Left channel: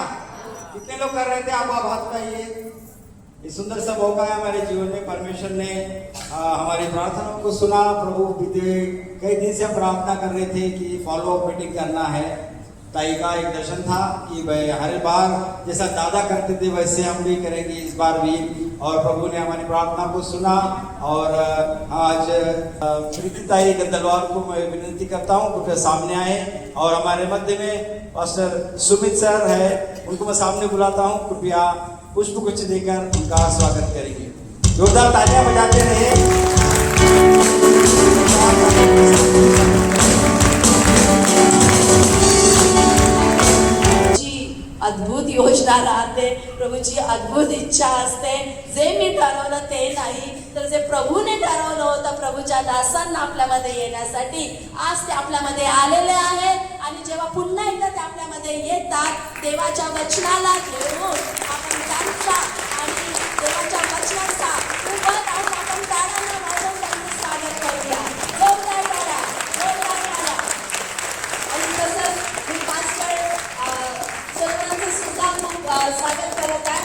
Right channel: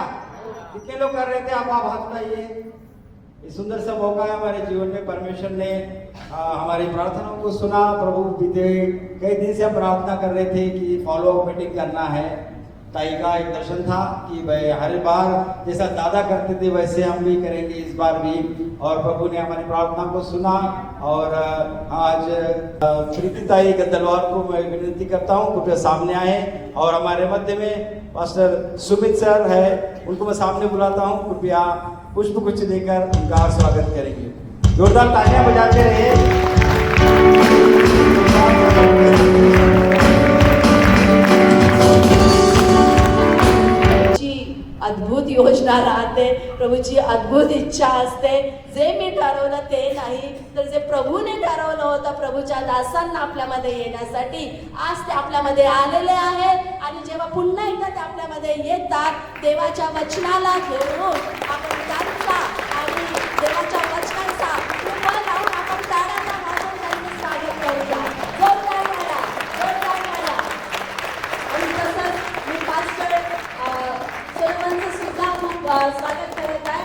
क्या? कितने लोग कर रहे थे? आप हाथ उठाइए। ये सुंदर सा मौका है हमारे जीवन में। परमेश्वर ने हमारी प्रार्थनाओं को सुना। प्रभु बीते कई दिन से हम प्रार्थना कर रहे थे कि फॉलो अप मीटिंग करना है। ताई का एक दर्शन था कि भाई हर बार जैसा दादा करते थे वैसे हम भी करेंगे इस बार भी, और प्रभु ने हमारी प्रार्थना को सुना। और आज प्रीति ताई गंदलवाल को मैं विनती करता हूँ कृपया सामने आए, और हमारे मध्य में पास्टर सुमित सर है, उनको मैं सामने बुलाता हूँ। कृपया पुष्प गुच्छ देकर उनका स्वागत करेंगे। जोरदार तालियां बजाते रहे। अद्भुत योजना राहते, प्रभूची अद्भुत इच्छा असते। जे मी ठरवलं ते नाही, तर जे प्रभूने ठरवलं होतं प्रभूच्या दासांना आपल्यामध्ये येण्यासाठी, आज ते आपल्यामध्ये आलेले आहेत। आणि जेव्हा पुन्हा एकदा ते आपल्यामध्ये येतात, देवाच्या वचनाला घेऊन आपण त्यांच्या आणि देवाच्या वचनाचा आपण त्याला स्वागत करूया। जोरदार करा, जोरदार करा। आणि तसंच मी पास्टर सुद्धा खूप स्वागत करत आहे।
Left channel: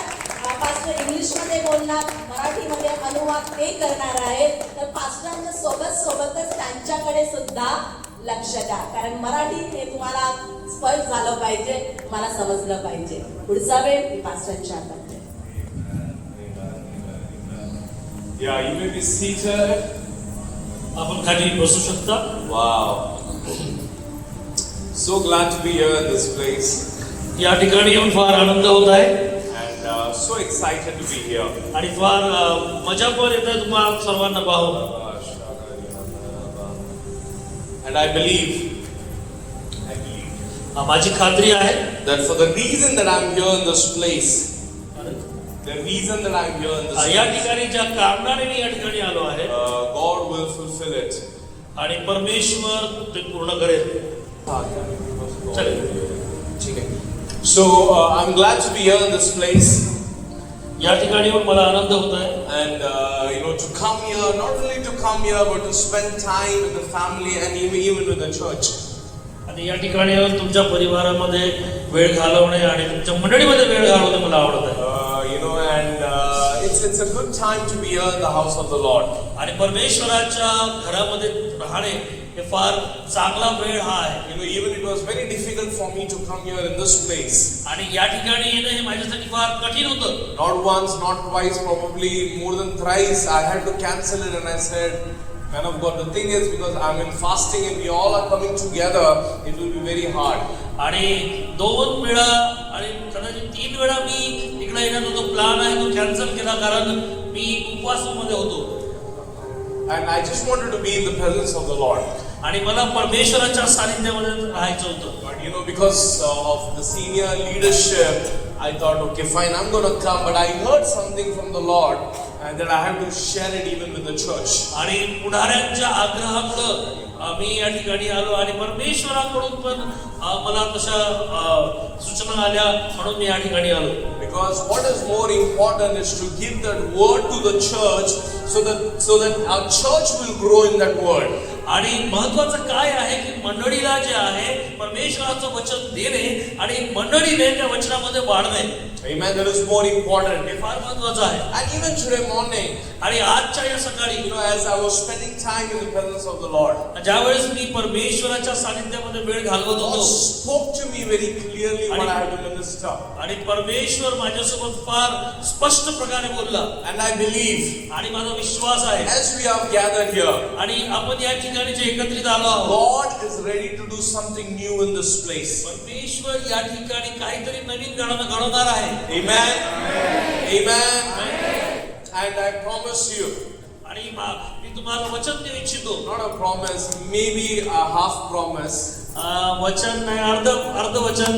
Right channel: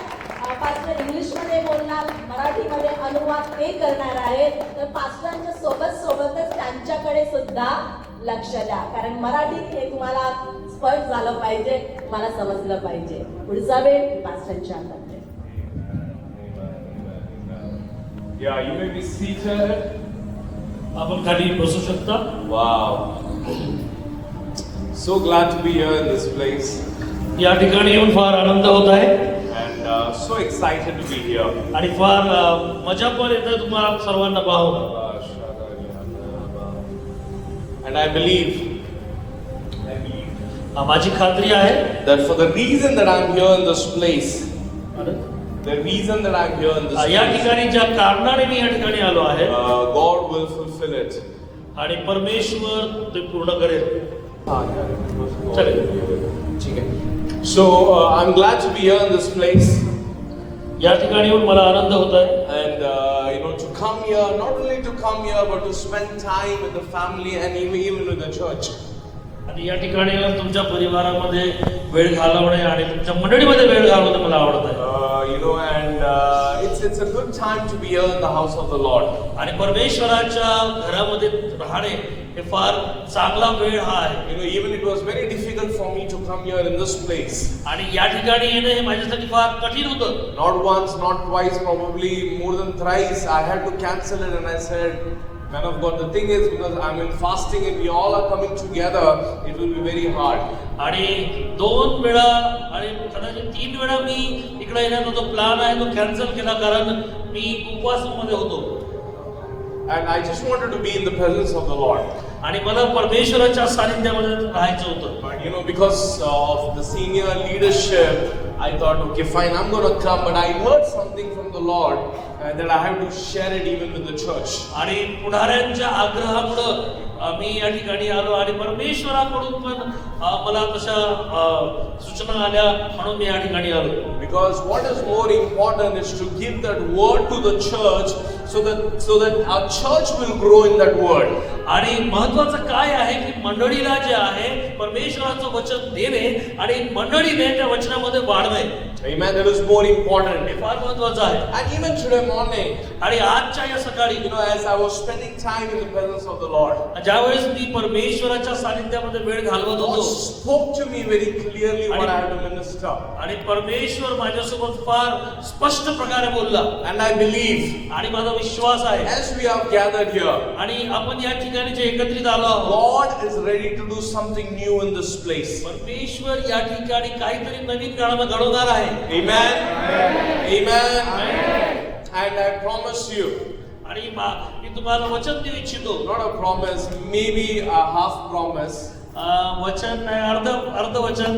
पास्टर इंग्लिशमध्ये बोलणार, मराठीमध्ये अनुवाद ते करणार आहेत, तर पास्टरांच्या सोबतच त्यांच्याकडे सुद्धा लक्ष द्या, कारण मराठीत हे तुम्हाला स्पष्ट झालं पाहिजे, तुम्हाला समजलं पाहिजे। पुढचा वेळ पास्टरांच्या हातात आहे। Yeah, you may be seated. आपण खाली बसू शकता। Wow. So glad to be here in this place. या ठिकाणी येऊन फार आनंद होत आहे And so excited to be here. आणि फार मजा पण येते तुम्हाला सर्वांना पाहून। And I believe माझी खात्री आहे that for the reason that I'm here in this place, the reason that I'm here in this या place, ठिकाणी ज्या कारणाने मी या ठिकाणी आलो आहे, God will fulfill it. आणि परमेश्वर ते पूर्ण करेल। चलेल। So I'm glad to be here in this place. या ठिकाणी येऊन मला आनंद होत आहे। And to come here, not only to come here, but to spend time with the family and even with the church. आणि या ठिकाणी येऊन तुमच्या परिवारामध्ये वेळ घालवणे आणि तुमच्या मंडळीमध्ये वेळ घालवणे मला आवडत आहे। And it's a good time to be here in the house of the Lord. आणि परमेश्वराच्या घरामध्ये राहणे हे फार चांगला वेळ आहे। Even it was very difficult for me to come here in this place. आणि या ठिकाणी येणे हे माझ्यासाठी फार कठीण होतं। Not once, not twice, probably more than thrice. I had to cancel it, and I said, "Man of God, the thing is, because I'm in fasting and we all are coming together, it will be very hard." आणि 2 वेळा आणि कदाचित 3 वेळा मी इकडे येण्याचा जो plan आहे तो कॅन्सल केला, कारण मी उपवासामध्ये होतो। And I just wanted to be in the presence of the Lord. आणि मला परमेश्वराच्या सानिध्यामध्ये राहायचं होतं। But because of the senior leadership, I thought, okay, fine, I'm going to come. But I heard something from the Lord that I had to share it even with the church. आणि पुढाऱ्यांच्या आग्रहामुळे मी या ठिकाणी आलो, आणि परमेश्वराकडून पण मला तशा सूचना आल्या, म्हणून मी या ठिकाणी आलो। Because what is more important is to give that word to the church, so that our church will grow in that word. आणि महत्वाचं काय आहे की मंडळीला जे आहे परमेश्वराचं वचन देणे आणि मंडळीने त्या वचनामध्ये वाढणे। Amen. That is more important. हे फार महत्वाचं आहे। And even today morning, आणि आजच्या या सकाळी as I was spending time in the presence of the Lord, ज्यावेळेस मी परमेश्वराच्या सानिध्यामध्ये वेळ घालवत God होतो, spoke to me very clearly what I had to minister. आणि परमेश्वर माझ्यासोबत फार स्पष्ट प्रकारे बोलला। And I believe, आणि माझा विश्वास आहे as we have gathered here, आणि आपण या ठिकाणी जे एकत्रित आलो आहोत, God is ready to do something new in this place. परमेश्वर या ठिकाणी काहीतरी नवीन घडवणार आहे। Amen. Amen. And I promise you, आणि मी तुम्हाला वचन देऊ इच्छितो, not a promise, maybe a half promise. वचन नाही, अर्ध वचन।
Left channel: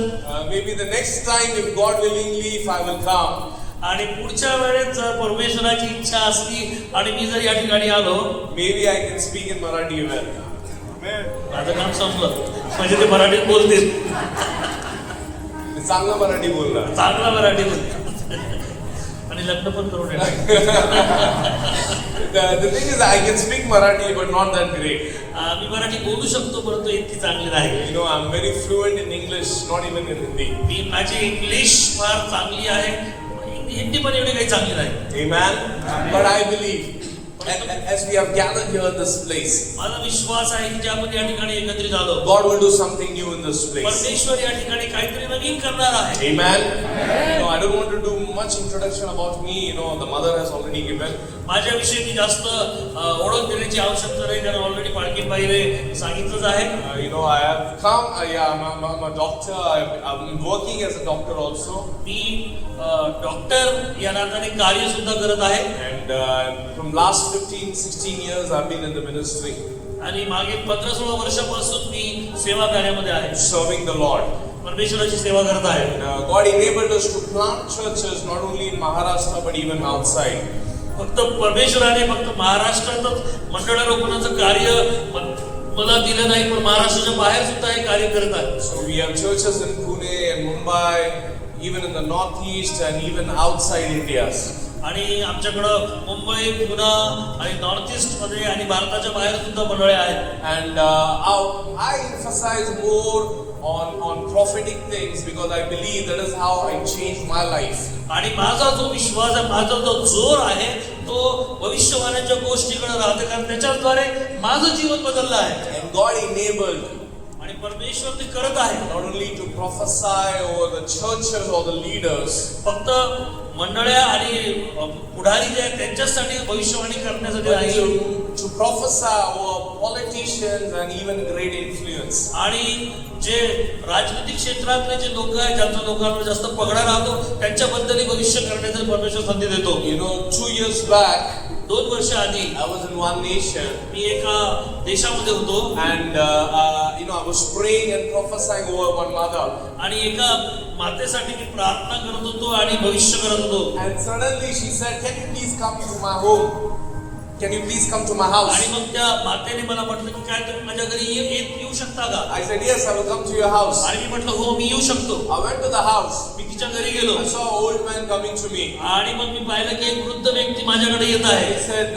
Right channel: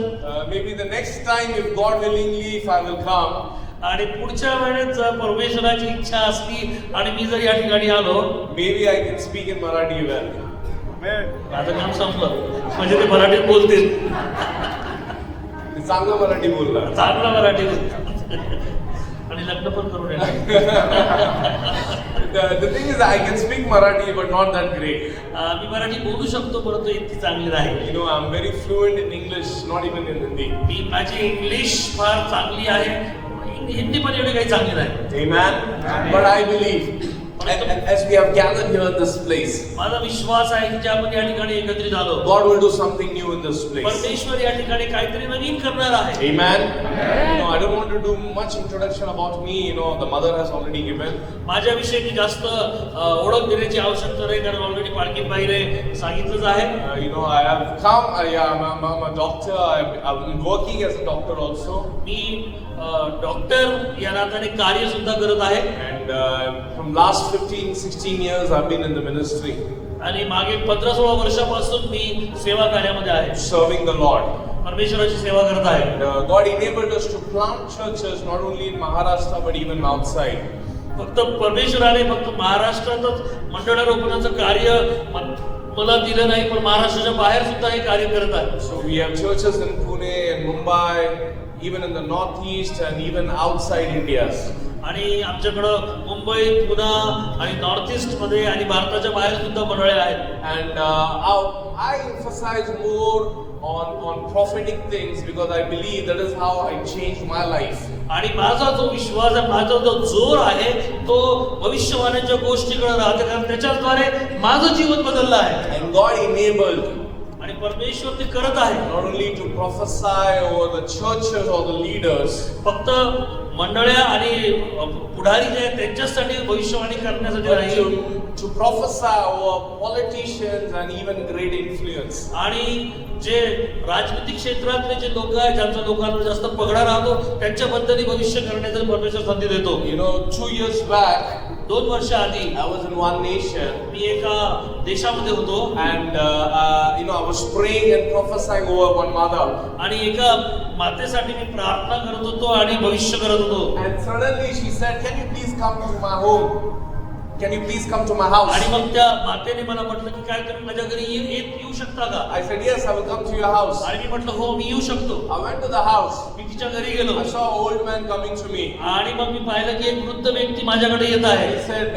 Maybe the next time, if God willingly, if I will come, आणि पुढच्या वेळेस जर परमेश्वराची इच्छा असली आणि मी जर या ठिकाणी आलो, maybe I can speak in Marathi well. आता मला समजलं म्हणजे ते मराठीत बोलतील, चांगलं मराठी बोलला, चांगलं मराठी बोलतील आणि लग्न पण करून येणार। The thing is, I can speak Marathi, but not that great. मी मराठी बोलू शकतो परंतु इतकी चांगली नाही. You know, I'm very fluent in English, not even in Hindi. मी माझी इंग्लिश फार चांगली आहे, हिंदी पण एवढी काही चांगली नाही. Amen. But I believe, and as we have gathered here in this place, माझा विश्वास आहे की ज्या आपण या ठिकाणी एकत्रित आलो, God will do something new in this place. परमेश्वर या ठिकाणी काहीतरी नवीन करणार आहे. Amen. No, I don't want to do much introduction about me. You know, the mother has already given. माझ्याविषयी मी जास्त ओळख देण्याची आवश्यकता नाही, कारण ऑलरेडी पाटील बाईने सांगितलंच आहे. You know, I have come. I'm a doctor. I'm working as a doctor also. Me doctor या नात्याने कार्य सुद्धा करत आहे. And from last 15-16 years, I've been in the ministry, आणि मागील 15-16 वर्षापासून मी सेवा कार्यामध्ये आहे, serving the Lord. परमेश्वराची सेवा करत आहे. And God enabled us to plant churches not only in Maharashtra but even outside. फक्त परमेश्वराने फक्त महाराष्ट्रातच मंडळ रोपणाचं कार्य मला दिलं नाही, पण महाराष्ट्राच्या बाहेर सुद्धा हे कार्य करत आहे. So we have churches in Pune and Mumbai, even in the northeast and even outside India. आणि आमच्याकडं मुंबई, पुणे आणि नॉर्थ ईस्ट मध्ये आणि भारताच्या बाहेर सुद्धा मंडळे आहेत. And I emphasize more on prophetic things because I believe that is how I changed my life. आणि माझा जो विश्वास आहे, माझा जो जोर आहे, तो भविष्यवाण्याच्या गोष्टीकडे राहते, कारण त्याच्याद्वारे माझं जीवन बदललं आहे. And God enabled आणि परमेश्वर ते करत आहे, not only to prophesy over the churches or the leaders, फक्त मंडळ्या आणि पुढारी जे आहेत त्यांच्यासाठी भविष्यवाणी करण्यासाठी but आहे, to prophesy over politicians and even great influence. आणि जे राजनीतिक क्षेत्रातले जे लोक आहेत, ज्यांच्या लोकांना जास्त पगडा राहतो, त्यांच्याबद्दल भविष्य करण्याचा परमेश्वर संधी देतो. You know, 2 years back, 2 वर्ष आधी I was in one nation, मी एका देशामध्ये होतो and you know, I was praying and prophesying over one mother. आणि एका मातेसाठी मी प्रार्थना करत होतो आणि भविष्य करत होतो. And suddenly she said, "Can you please come to my home? Can you please come to my house?" आणि मग त्या मातेने मला म्हटलं की काय तुम्ही माझ्या घरी येऊ शकता का? I said, "Yes, I will come to your house." आणि मी म्हटलं हो, मी येऊ शकतो. I went to the house. मी तिच्या घरी गेलो I saw an old man coming to me. आणि मग मी पाहिलं की एक वृद्ध व्यक्ती माझ्याकडे येत आहे. He said,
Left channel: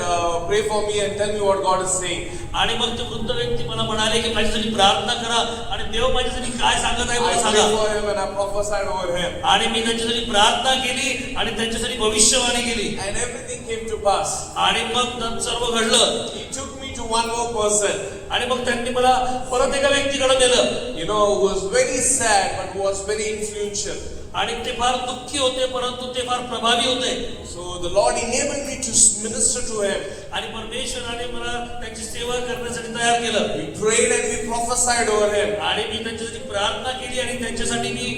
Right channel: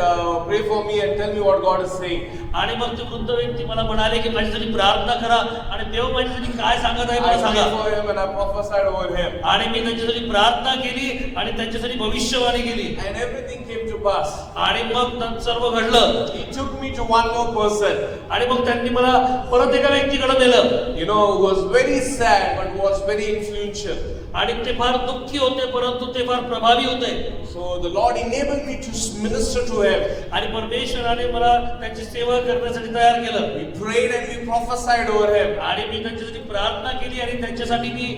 "Pray for me and tell me what God is saying." आणि मग ते वृद्ध व्यक्ती मला म्हणाले की माझ्यासाठी प्रार्थना करा आणि देव माझ्यासाठी काय सांगत आहे I मला prayed सांगा. for him and I prophesied over him. आणि मी त्यांच्यासाठी प्रार्थना केली आणि त्यांच्यासाठी भविष्यवाणी केली. And everything came to pass. आणि मग सर्व घडलं. He took me to one more person, आणि मग त्यांनी मला परत एका व्यक्तीकडे नेलं. you know, who was very sad but who was very influential. आणि ते फार दुःखी होते, परंतु ते फार प्रभावी होते. So the Lord enabled me to minister to him. आणि परमेश्वराने मला त्यांची सेवा करण्यासाठी तयार केलं. We prayed and we prophesied over him. आणि मी त्यांच्यासाठी प्रार्थना केली आणि त्यांच्यासाठी मी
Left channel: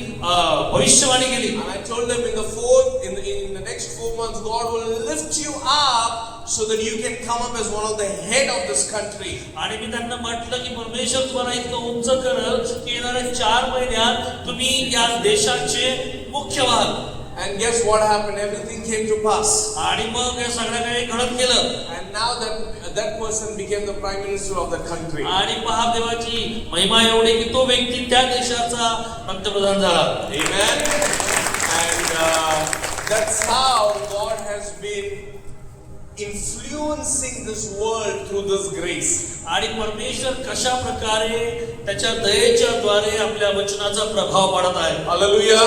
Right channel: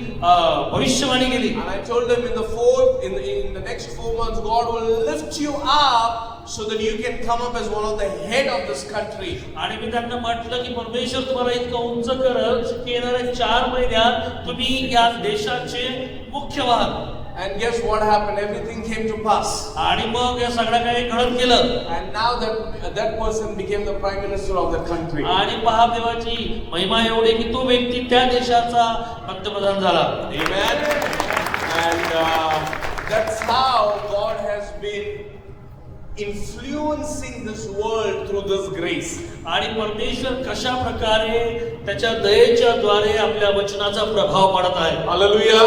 भविष्यवाणी केली. I told them in the next 4 months, God will lift you up so that you can come up as one of the head of this country. आणि मी त्यांना म्हटलं की परमेश्वर तुम्हाला इतकं उंच करेल की येणाऱ्या 4 महिन्यात तुम्ही या देशाचे मुख्य व्हाल. And guess what happened? Everything came to pass. आणि मग या सगळं काही घडत गेलं. And now that person became the prime minister of that country. आणि पहा देवाची महिमा एवढी की तो व्यक्ती त्या देशाचा पंतप्रधान झाला. Amen. And that's how God has been influencing this world through this grace. आणि परमेश्वर कशा प्रकारे त्याच्या दयेच्या द्वारे आपल्या वचनाचा प्रभाव पाडत आहे. Hallelujah.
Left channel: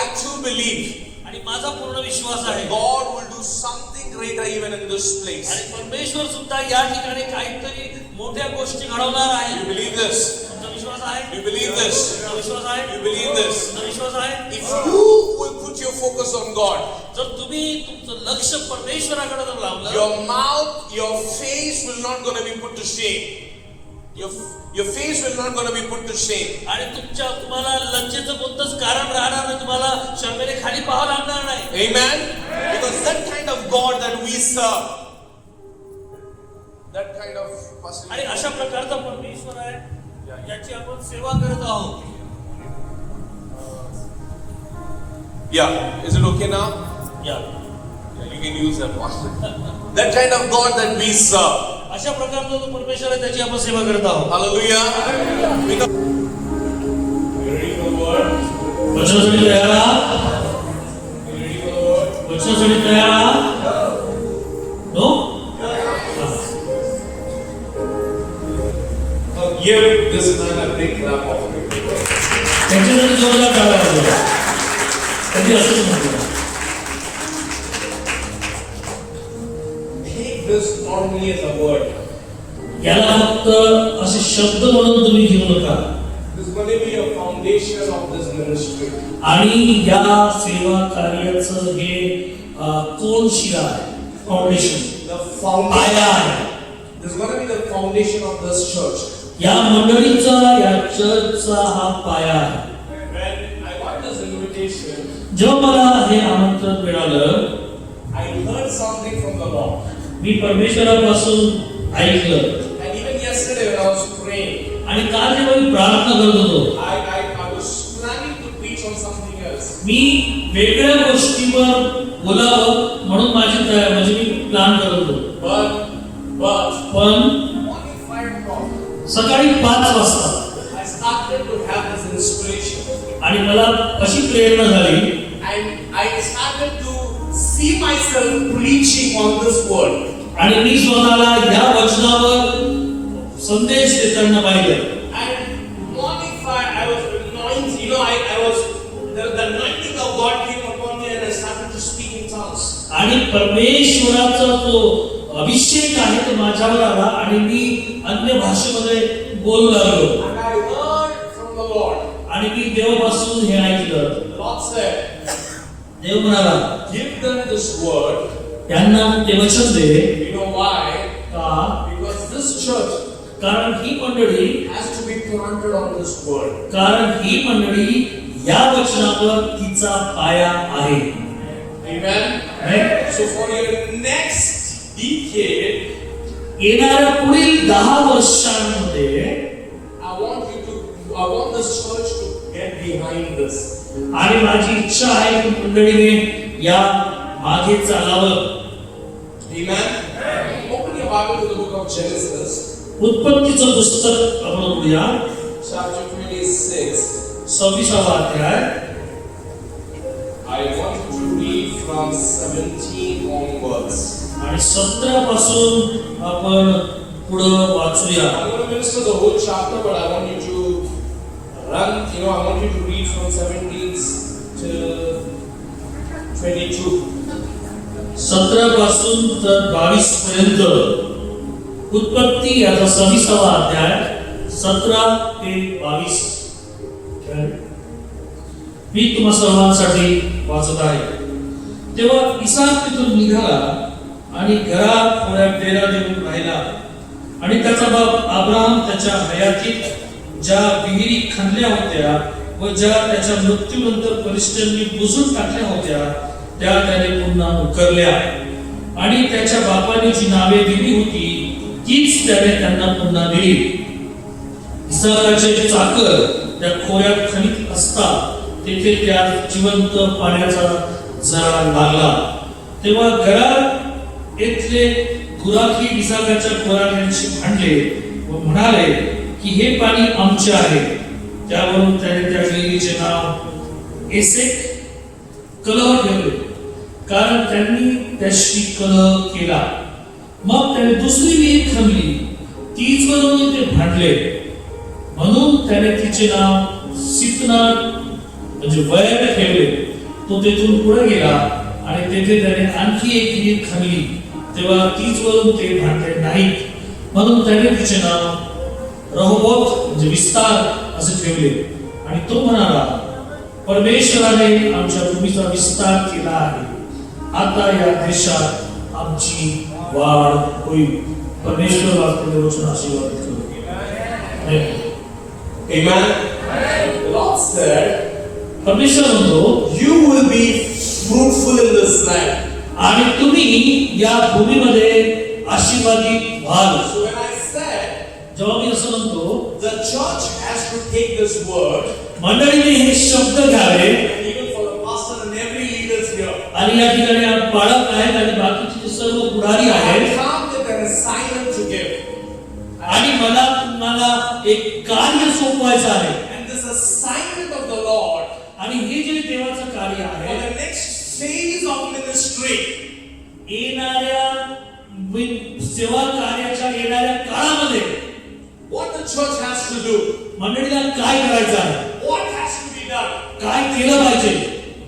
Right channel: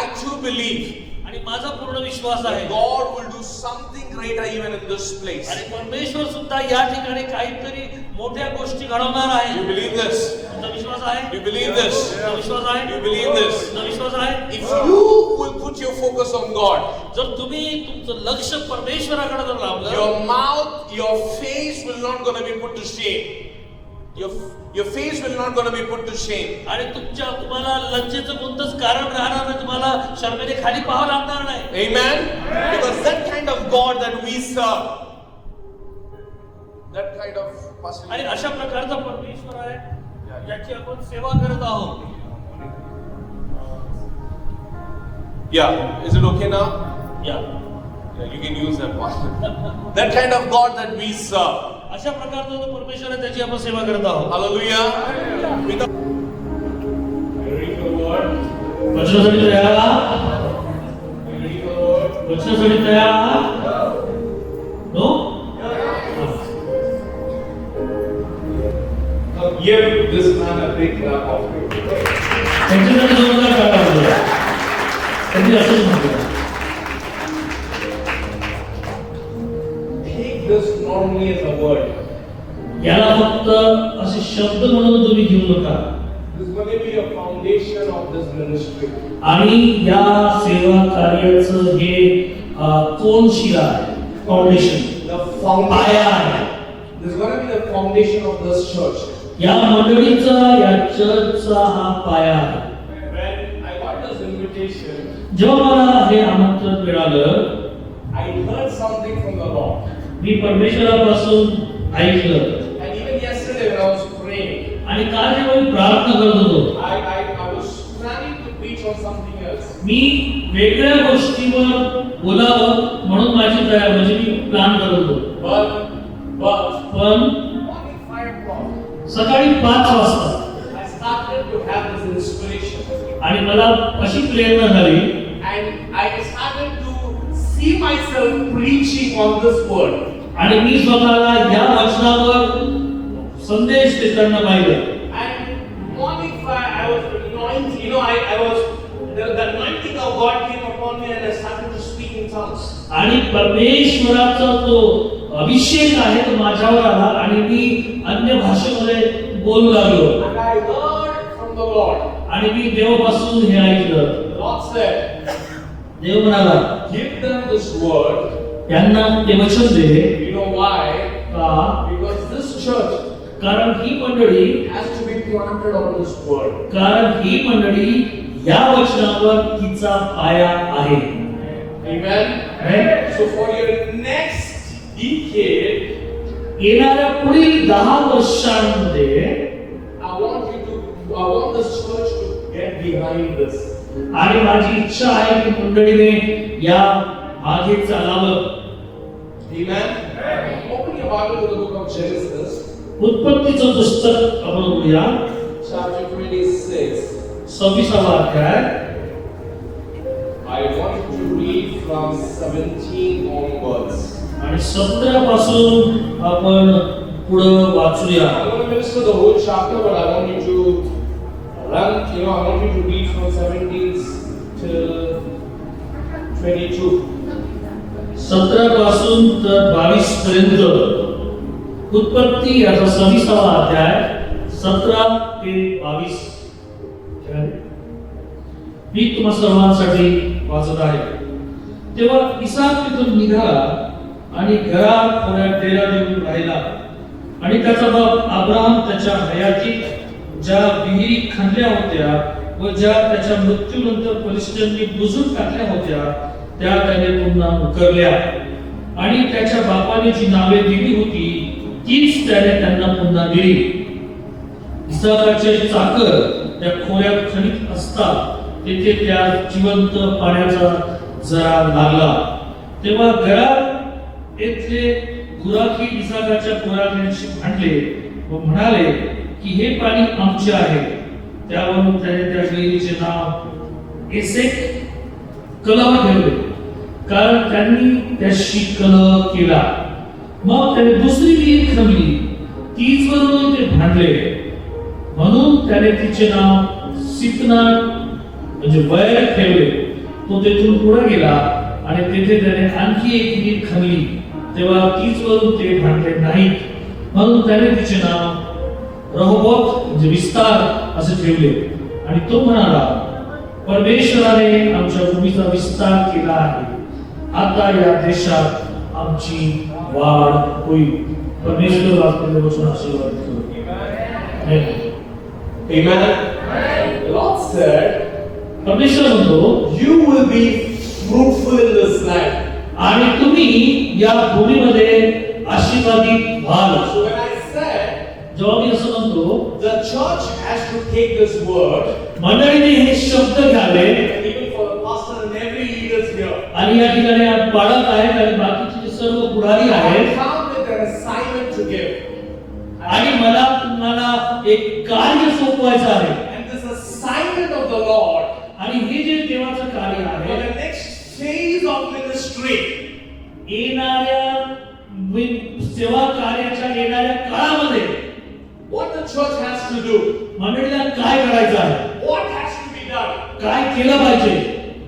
I too believe आणि माझा पूर्ण विश्वास आहे God will do something greater even in this place. आणि परमेश्वर सुद्धा या ठिकाणी काहीतरी मोठ्या गोष्टी घडवणार You आहे. believe this? तुमचा विश्वास आहे? You believe this? तुमचा विश्वास आहे? You believe this? तुमचा विश्वास आहे? If you will put your focus on God, जर तुम्ही तुमचं लक्ष परमेश्वराकडे जर लावलं, your mouth, your face will not going to be put to shame. Your face will not going to be put to shame. आणि तुम्हाला लज्जेचं कोणतंच कारण राहणार नाही, तुम्हाला शर्मेने खाली पाहावं लागणार नाही. Amen? Because that kind of God that we serve, that kind of person. आणि अशा प्रकारचा परमेश्वर आहे ज्याची आपण सेवा करत आहोत. Yeah, is it okay now? या Yeah, you can use that one. That kind of God that we serve. अशा प्रकारचा जो परमेश्वर आहे त्याची आपण सेवा करत आहोत. Hallelujah. We read the word. वचनासाठी तयार आहात? We read the word. वचनासाठी तयार आहात? No? give this man a big clap of praise. त्यांच्यासाठी जोरदार टाळ्या वाजवा. त्यांनी असंच म्हटलं. Take this not only as a word. याला फक्त असे शब्द म्हणून तुम्ही घेऊ नका. This is going to be a foundation of this ministry. आणि या सेवा कार्याचं हे कोण शिरा आहे, फाउंडेशन, The पाया foundation. आहे. This is going to be the foundation of this church. या मंडळीचा, या चर्चचा हा पाया आहे. When I got this invitation, जेव्हा मला हे आमंत्रण मिळालं, I heard something from the Lord. मी परमेश्वरापासून ऐकलं. And even yesterday when I was praying, आणि काल जेव्हा मी प्रार्थना करत होतो, I was planning to preach on something else. मी वेगळ्या गोष्टीवर बोलावं म्हणून माझी तयारी, म्हणजे मी प्लॅन करत होतो. पण Morning 5 o'clock, सकाळी 5 वाजता I started to have this inspiration. आणि मला अशी प्रेरणा झाली And I started to see myself preaching on this word. आणि मी स्वतःला या वचनावर संदेश देताना पाहिलं. And morning 5, I was anointed. I was the anointing of God came upon me, and I started to speak in tongues. आणि परमेश्वराचा जो अभिषेक आहे तो माझ्यावर आला आणि मी अन्य भाषेमध्ये बोलू लागलो. And I heard from the Lord. आणि मी देवापासून हे ऐकलं. The Lord said, देव म्हणाला, "Give them this word." यांना ते वचन दे. You know why? का? Because this church कारण ही मंडळी, has to be planted on this word. कारण ही मंडळी या वचनावर तिचा पाया आहे. Amen. Right? So for your next decade, येणाऱ्या पुढील 10 वर्षांमध्ये I want this church to get behind this. आणि माझी इच्छा आहे की मंडळीने या मागे चालावं. Amen. Open your Bible to the book of Genesis, उत्पत्तीचं पुस्तक आपण उघडूया. chapter 26. 26वा अध्याय. I want you to read from 17 onwards. आणि 17 पासून आपण पुढे वाचूया. I'm going to minister the whole chapter, but I want you to run. I want you to read from 17 till 22. 17 पासून तर 22 पर्यंत. उत्पत्ती याचा 26वा अध्याय 17 ते 22. मी तुम्हा सर्वांसाठी वाचत आहे. तेव्हा इसाक तिथून निघाला आणि घरात थोड्या डेरा देऊन राहिला. आणि त्याचा बाप अब्राहम त्याच्या हयातीत ज्या विहिरी खणल्या होत्या व ज्या त्याच्या मृत्यूनंतर फलिस्त्यांनी बुजून टाकल्या होत्या त्या त्याने पुन्हा उकरल्या. आणि त्याच्या बापाने जी नावे दिली होती तीच त्याने त्यांना पुन्हा दिली. इसाकाचे चाकर त्या खोऱ्यात खणीत असता तेथे त्या जिवंत पाण्याचा जरा लागला. तेव्हा घरात येथले गुराखी इसाकाच्या खोऱ्याशी भांडले व म्हणाले की हे पाणी आमचे आहे. त्यावरून त्याने त्या विहिरीचे नाव एसेक कलह ठेवले, कारण त्यांनी त्याशी कलह केला. मग त्याने दुसरी विहीर खणली, तीच वरून ते भांडले, म्हणून त्याने तिचे नाव सितना म्हणजे वैर ठेवले. तो तेथून पुढे गेला आणि तेथे त्याने आणखी एक विहीर खणली, तेव्हा तीच वरून ते भांडले नाहीत, म्हणून त्याने तिचे नाव रहोबोत म्हणजे विस्तार असे ठेवले. आणि तो म्हणाला, परमेश्वराने आमच्या भूमीचा विस्तार केला आहे, आता या देशात आमची वाढ होईल. परमेश्वर वाचलेले वचन आशीर्वाद करो. Amen. The Lord said, परमेश्वर म्हणतो, you will be fruitful in this land. आणि तुम्ही या भूमीमध्ये आशीर्वादित व्हाल. So when I said जेव्हा मी असं म्हणतो, the church has to take this word, मंडळीने हे शब्द घ्यावे. even for the pastor and every leaders here, आणि या ठिकाणी बाळक आहेत आणि बाकीचे जे सर्व पुढारी I आहेत. come with an assignment to give. आणि मला तुम्हाला एक कार्य सोपवायचं आहे. And this assignment of the Lord आणि हे जे देवाचं कार्य for आहे, the next phase of ministry, येणाऱ्या सेवा कार्याच्या येणाऱ्या काळामध्ये what the church has to do? मंडळीला काय करायचं आहे, What has to be done? काय केलं पाहिजे,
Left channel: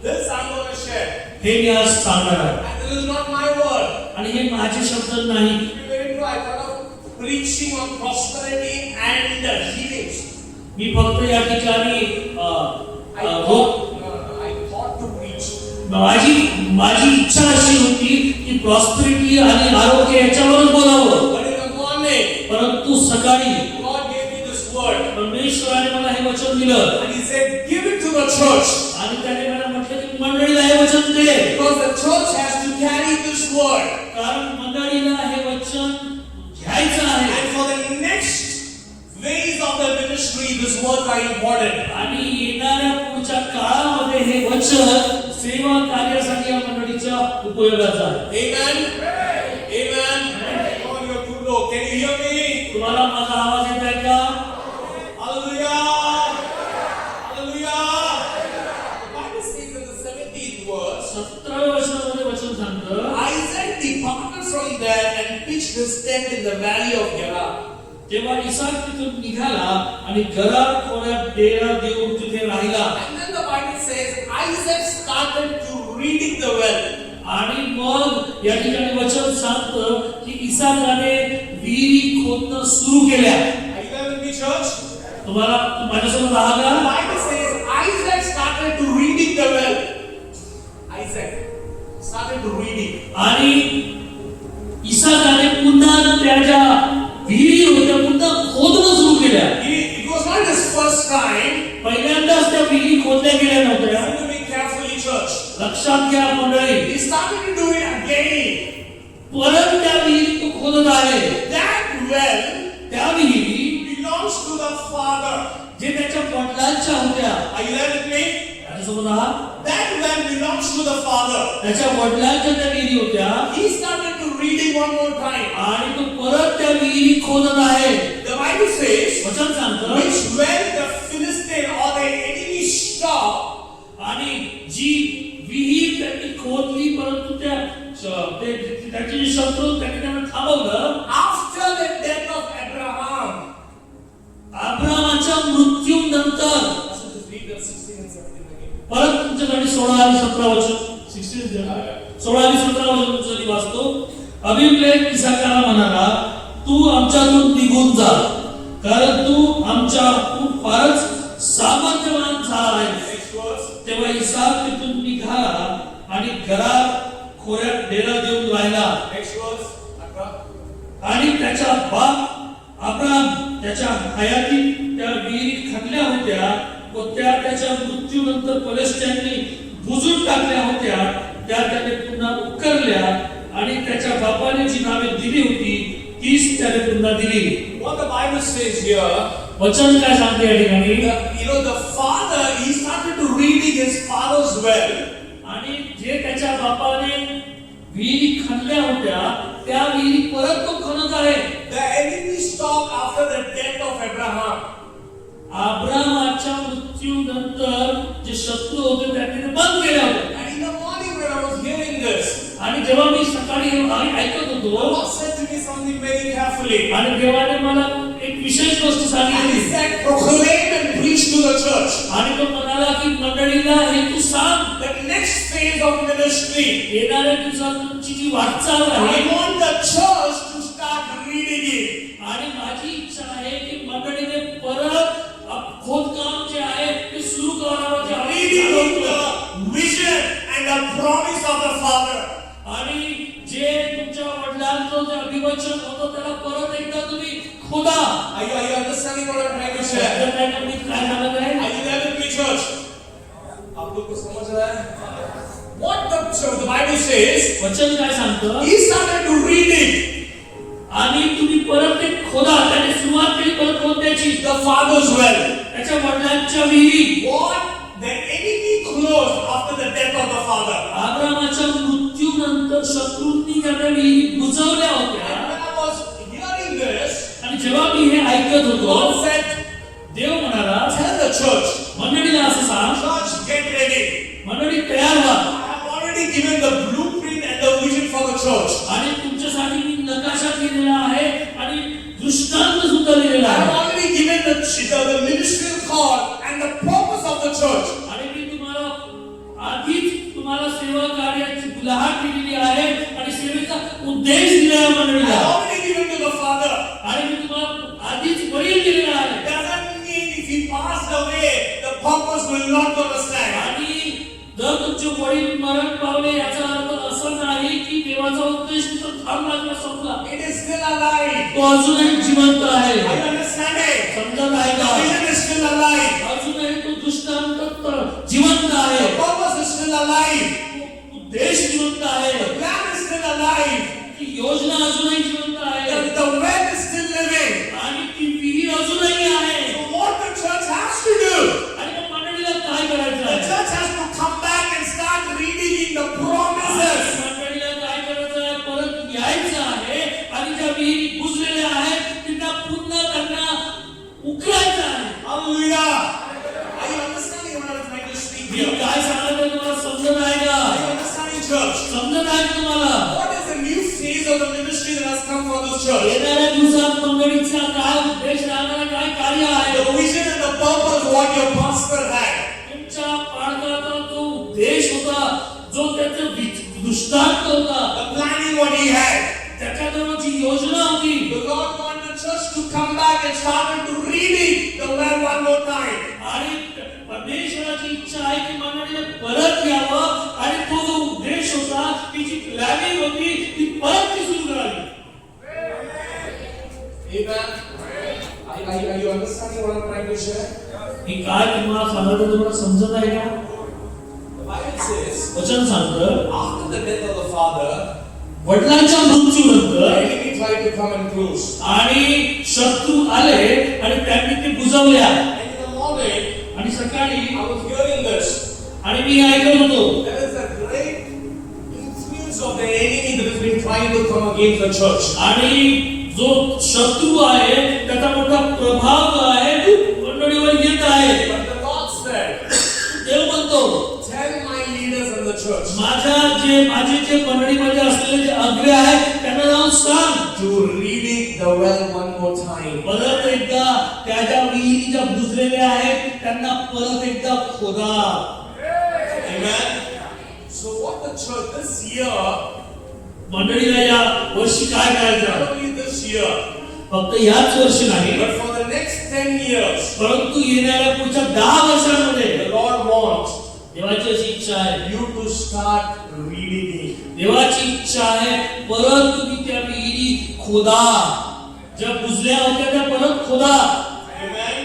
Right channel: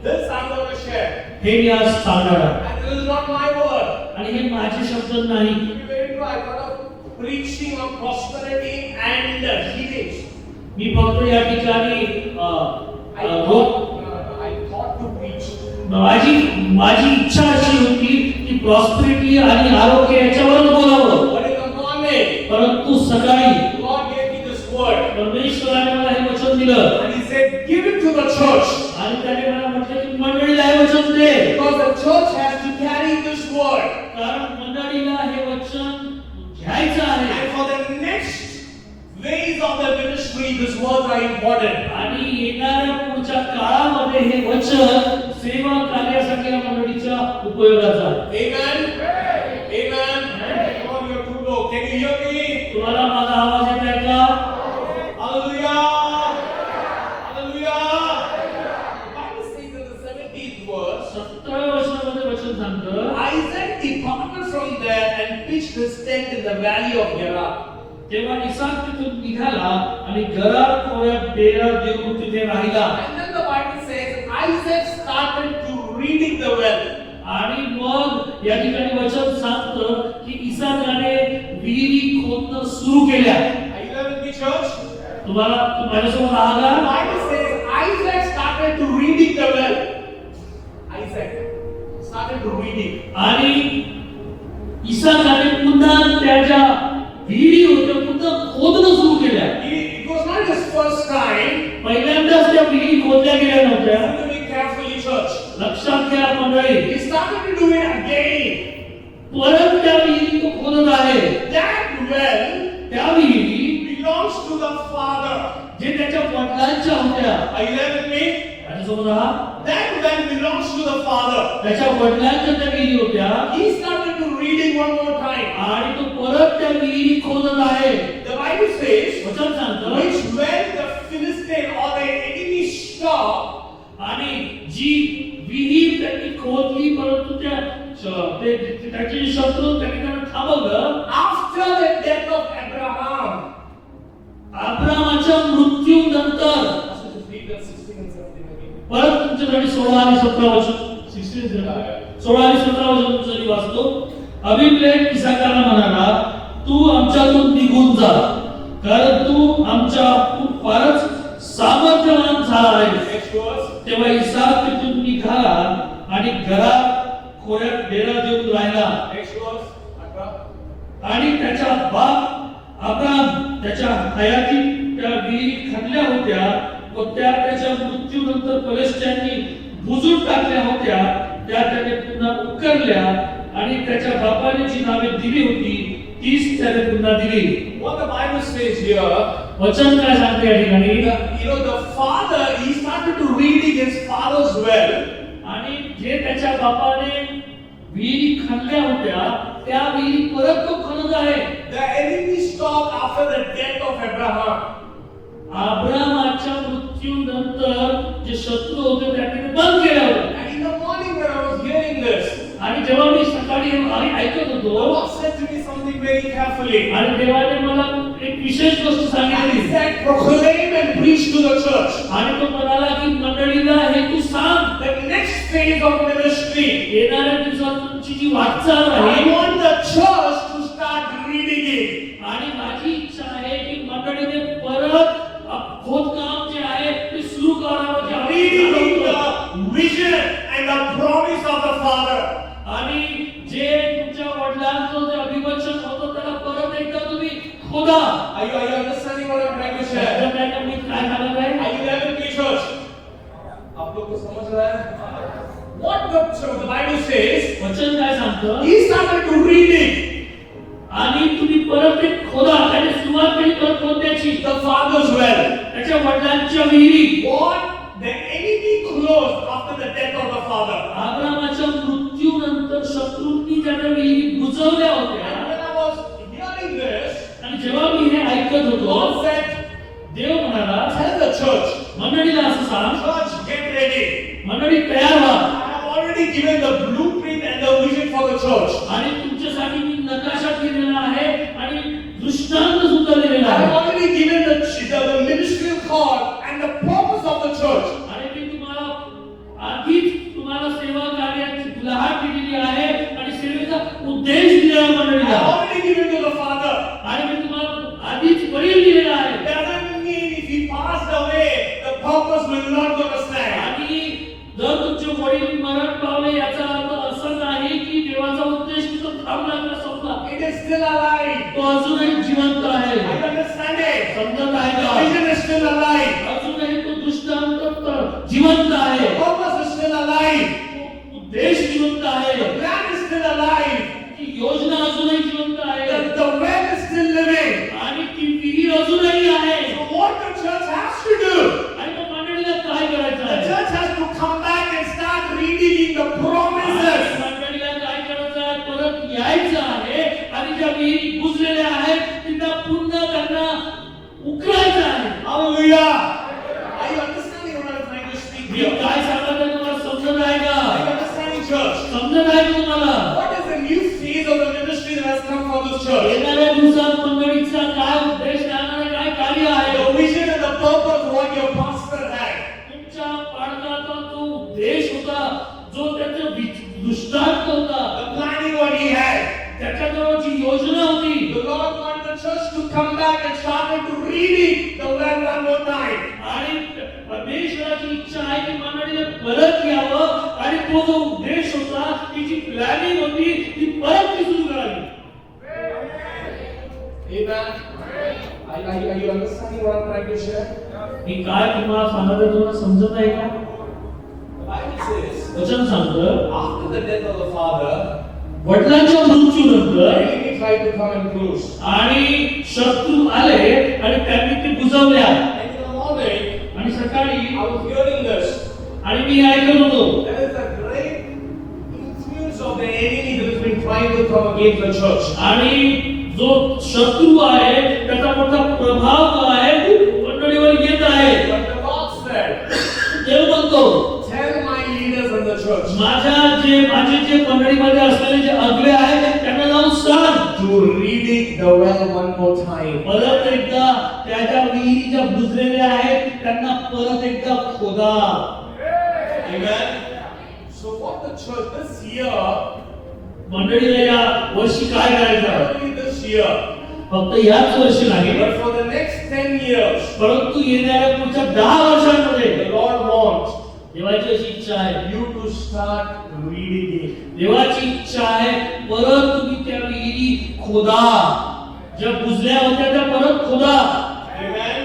This I'm going to share. हे मी आज सांगणार आहे. And this is not my word. आणि हे माझे शब्द नाही. To be very true, I thought of preaching on prosperity and healings. मी फक्त या ठिकाणी I thought to preach. माझी इच्छा अशी होती की प्रॉस्पेरिटी आणि आरोग्य याच्यावरच बोलावं, But in the morning, परंतु सकाळी God gave me this word. परमेश्वराने मला हे वचन दिलं And He said, give it to the church. आणि त्याने मला म्हटलं की मंडळीला हे वचन दे, Because the church has to carry this word. कारण मंडळीला हे वचन घ्यायचं आहे. And for the next phase of the ministry, these words are important. आणि येणाऱ्या पुढच्या काळामध्ये हे वचन सेवा कार्यासाठी या मंडळीच्या उपयोगाचं आहे. Amen. Amen. Come on, you're too low. Can you hear me? तुम्हाला माझा आवाज येत आहे का? Hallelujah. Hallelujah. The Bible says in the 17th verse, 17व्या वचनामध्ये वचन सांगतं, Isaac departed from there and pitched his tent in the valley of Gerar. तेव्हा इसाक तिथून निघाला आणि गरार खोऱ्यात डेरा देऊन तिथे राहिला. And then the Bible says Isaac started to reading the well. आणि मग या ठिकाणी वचन सांगतं की इसाकाने विहिरी खोदणं सुरू केल्या. Are you there with me, church? तुम्हाला माझ्यासोबत आहात The का? Bible says Isaac started to reading the well. Isaac started to reading. आणि इसाकाने पुन्हा त्याच्या विहिरी होत्या पुन्हा खोदणं सुरू केल्या. It was not his first time. पहिल्यांदाच त्या विहिरी खोदल्या गेल्या नव्हत्या. Listen to me carefully, church. लक्षात घ्या मंडळी, He started to do it again. परत त्या विहिरी तो खोदत आहे. That well त्या विहिरी belongs to the Father. जे त्याच्या वडिलांच्या होत्या. Are you there with me? माझ्यासोबत आहात? That well belongs to the Father. त्याच्या वडिलांच्या त्या विहिरी होत्या He started to reading one more time. आणि तो परत त्या विहिरी खोदत आहे. The Bible says, वचन सांगतं, which when the Philistine or the enemy stopped, आणि जी विहीर त्यांनी खोदली परंतु त्याचे जे शत्रू त्यांनी त्यांना थांबवलं. after the death of Abraham. अब्रामाच्या मृत्यूनंतर Pastor, just read that 16 and 17 again. परत तुमच्यासाठी 16 आणि 17 वचन 16 आणि 17 वचन तुमच्यासाठी वाचतो. अबीमेलेक इसाकाला म्हणाला, तू आमच्यातून निघून जा, कारण तू आमच्याहून फारच सामर्थ्यवान झाला आहे. Next verse. तेव्हा इसाक तिथून निघाला आणि गरार खोऱ्यात डेरा देऊन राहिला. Next verse. 18. आणि त्याचा बाप अब्राम त्याच्या हयाती त्या विहिरी खणल्या होत्या व त्या त्याच्या मृत्यूनंतर फलिस्त्यांनी बुजून टाकल्या होत्या. त्या त्याने पुन्हा उकरल्या आणि त्याच्या बापाने जी नावे दिली होती तीच त्याने पुन्हा दिली. What the Bible says here, वचन काय सांगते या ठिकाणी? the father, he started to reading his father's well. आणि जे त्याच्या बापाने विहिरी खणल्या होत्या त्या विहिरी परत तो खणत आहे. The enemy stopped after the death of Abraham. अब्रामाच्या मृत्यूनंतर जे शत्रू होते त्यांनी ते बंद केलं होतं. And in the morning when I was hearing this, आणि जेव्हा मी सकाळी ऐकत the होतो Lord said to me something very carefully. आणि देवाने मला एक विशेष गोष्ट And सांगितली he said, proclaim and preach to the church. आणि तो म्हणाला की मंडळीला हे तू सांग, The next phase of ministry, येणाऱ्या दिवसात तुमची जी वाटचाल I आहे want the church to start reading it. आणि माझी इच्छा आहे की मंडळीने परत खोदकाम जे आहे ते सुरू करावं. जे Reading आपण the vision and the promise of the Father. आणि जे तुमच्या वडिलांचं जे अभिवचन होतं त्याला परत एकदा तुम्ही खोदा. Are you understanding what I'm trying to share? त्याच्यात मी काय सांगत आहे? Are you there with me, church? आप लोग को समझ रहा है? What the Bible says, वचन काय सांगतं? he started to read it. आणि तुम्ही परत ते खोदा. त्याने सुरुवात केली परत खोदण्याची. The Father's well. त्याच्या वडिलांच्या विहिरी. What the enemy closed after the death of the Father. अब्रामाच्या मृत्यूनंतर शत्रूंनी त्या विहिरी बुजवल्या And होत्या. when I was hearing this, आणि जेव्हा मी हे ऐकत होतो God said, देव म्हणाला, tell the church, मंडळीला असं सांग, church, get ready. मंडळी तयार व्हा. I have already given the blueprint and the vision for the church. आणि तुमच्यासाठी मी नकाशा केलेला आहे आणि दृष्टांत सुद्धा दिलेला I have आहे. already आधीच तुम्हाला सेवा कार्याची गुलाहाट दिलेली आहे आणि सेवेचा उद्देश दिला आहे I मंडळीला. already given to the Father. आणि मी तुम्हाला आधीच वडील दिलेला आहे. Doesn't mean if he passed away, the purpose will not go the same. आणि जर तुमचे वडील मरण पावले याचा अर्थ असं नाही की देवाचा उद्देश तिथं थांबला किंवा संपला. It is still alive. तो अजूनही जिवंत आहे. Are you understanding? समजत आहे The का? vision is still alive. अजूनही तो दृष्टांत जिवंत आहे. The purpose is still alive. तो उद्देश जिवंत आहे. The plan is still alive. ती योजना अजूनही जिवंत आहे. The well is still living. आणि ती विहीर अजूनही आहे. So what the church has to do? आणि मग मंडळीला काय करायचं The आहे? church has to come back and start reading in the promises. मंडळीला काय करायचं आहे? परत यायचं आहे आणि ज्या विहिरी बुजलेल्या आहेत तिला पुन्हा त्यांना उकरायचं आहे. Hallelujah. Are you understanding what I'm trying to speak me here? काय सांगत आहे तुम्हाला समजत आहे का? Are you understanding, church? समजत आहे का तुम्हाला? What is the new phase of the ministry that has come for this church? येणाऱ्या दिवसात मंडळीचा काय उद्देश राहणार, काय कार्य आहे? The vision and the purpose what your pastor had. तुमच्या पालकाचा जो उद्देश होता, जो त्याचा दृष्टांत होता, The planning what he had. त्याच्याजवळ जी योजना होती, The Lord wanted the church to come back and start to reading the word one more time. आणि परमेश्वराची इच्छा आहे की मंडळीने परत यावं आणि तो जो उद्देश होता, ती जी प्लॅनिंग होती, ती परत ती सुरू करावी. Amen. Are you understanding what I'm trying to share? मी काय तुम्हाला सांगत आहे, तुम्हाला समजत आहे का? The Bible says, वचन सांगतं, after the death of the father, वडिलांच्या the मृत्यूनंतर enemy tried to come and close. आणि शत्रू आले आणि त्यांनी ते बुजवल्या. And in the morning, आणि सकाळी I was hearing this. आणि मी ऐकत होतो, There is a great influence of the enemy that has been trying to come against the church. आणि जो शत्रू आहे त्याचा मोठा प्रभाव आहे मंडळीवर येत आहे. But the Lord said, देव म्हणतो, tell my leaders in the church माझे जे मंडळीमध्ये असलेले जे अग्रे आहेत त्यांना जाऊन सांग, to reading the well one more time. परत एकदा त्याच्या विहिरी ज्या बुजलेल्या आहेत त्यांना परत एकदा खोदा. Amen. So what the church this year, मंडळीला या वर्षी काय करायचं आहे? not only this year, फक्त याच वर्षी नाही, but for the next 10 years, परंतु येणाऱ्या पुढच्या 10 वर्षांमध्ये the Lord wants देवाची अशी इच्छा आहे, you to start reading it. देवाची इच्छा आहे परत तुम्ही त्या विहिरी खोदा, ज्या बुजल्या होत्या त्या परत खोदा, Amen.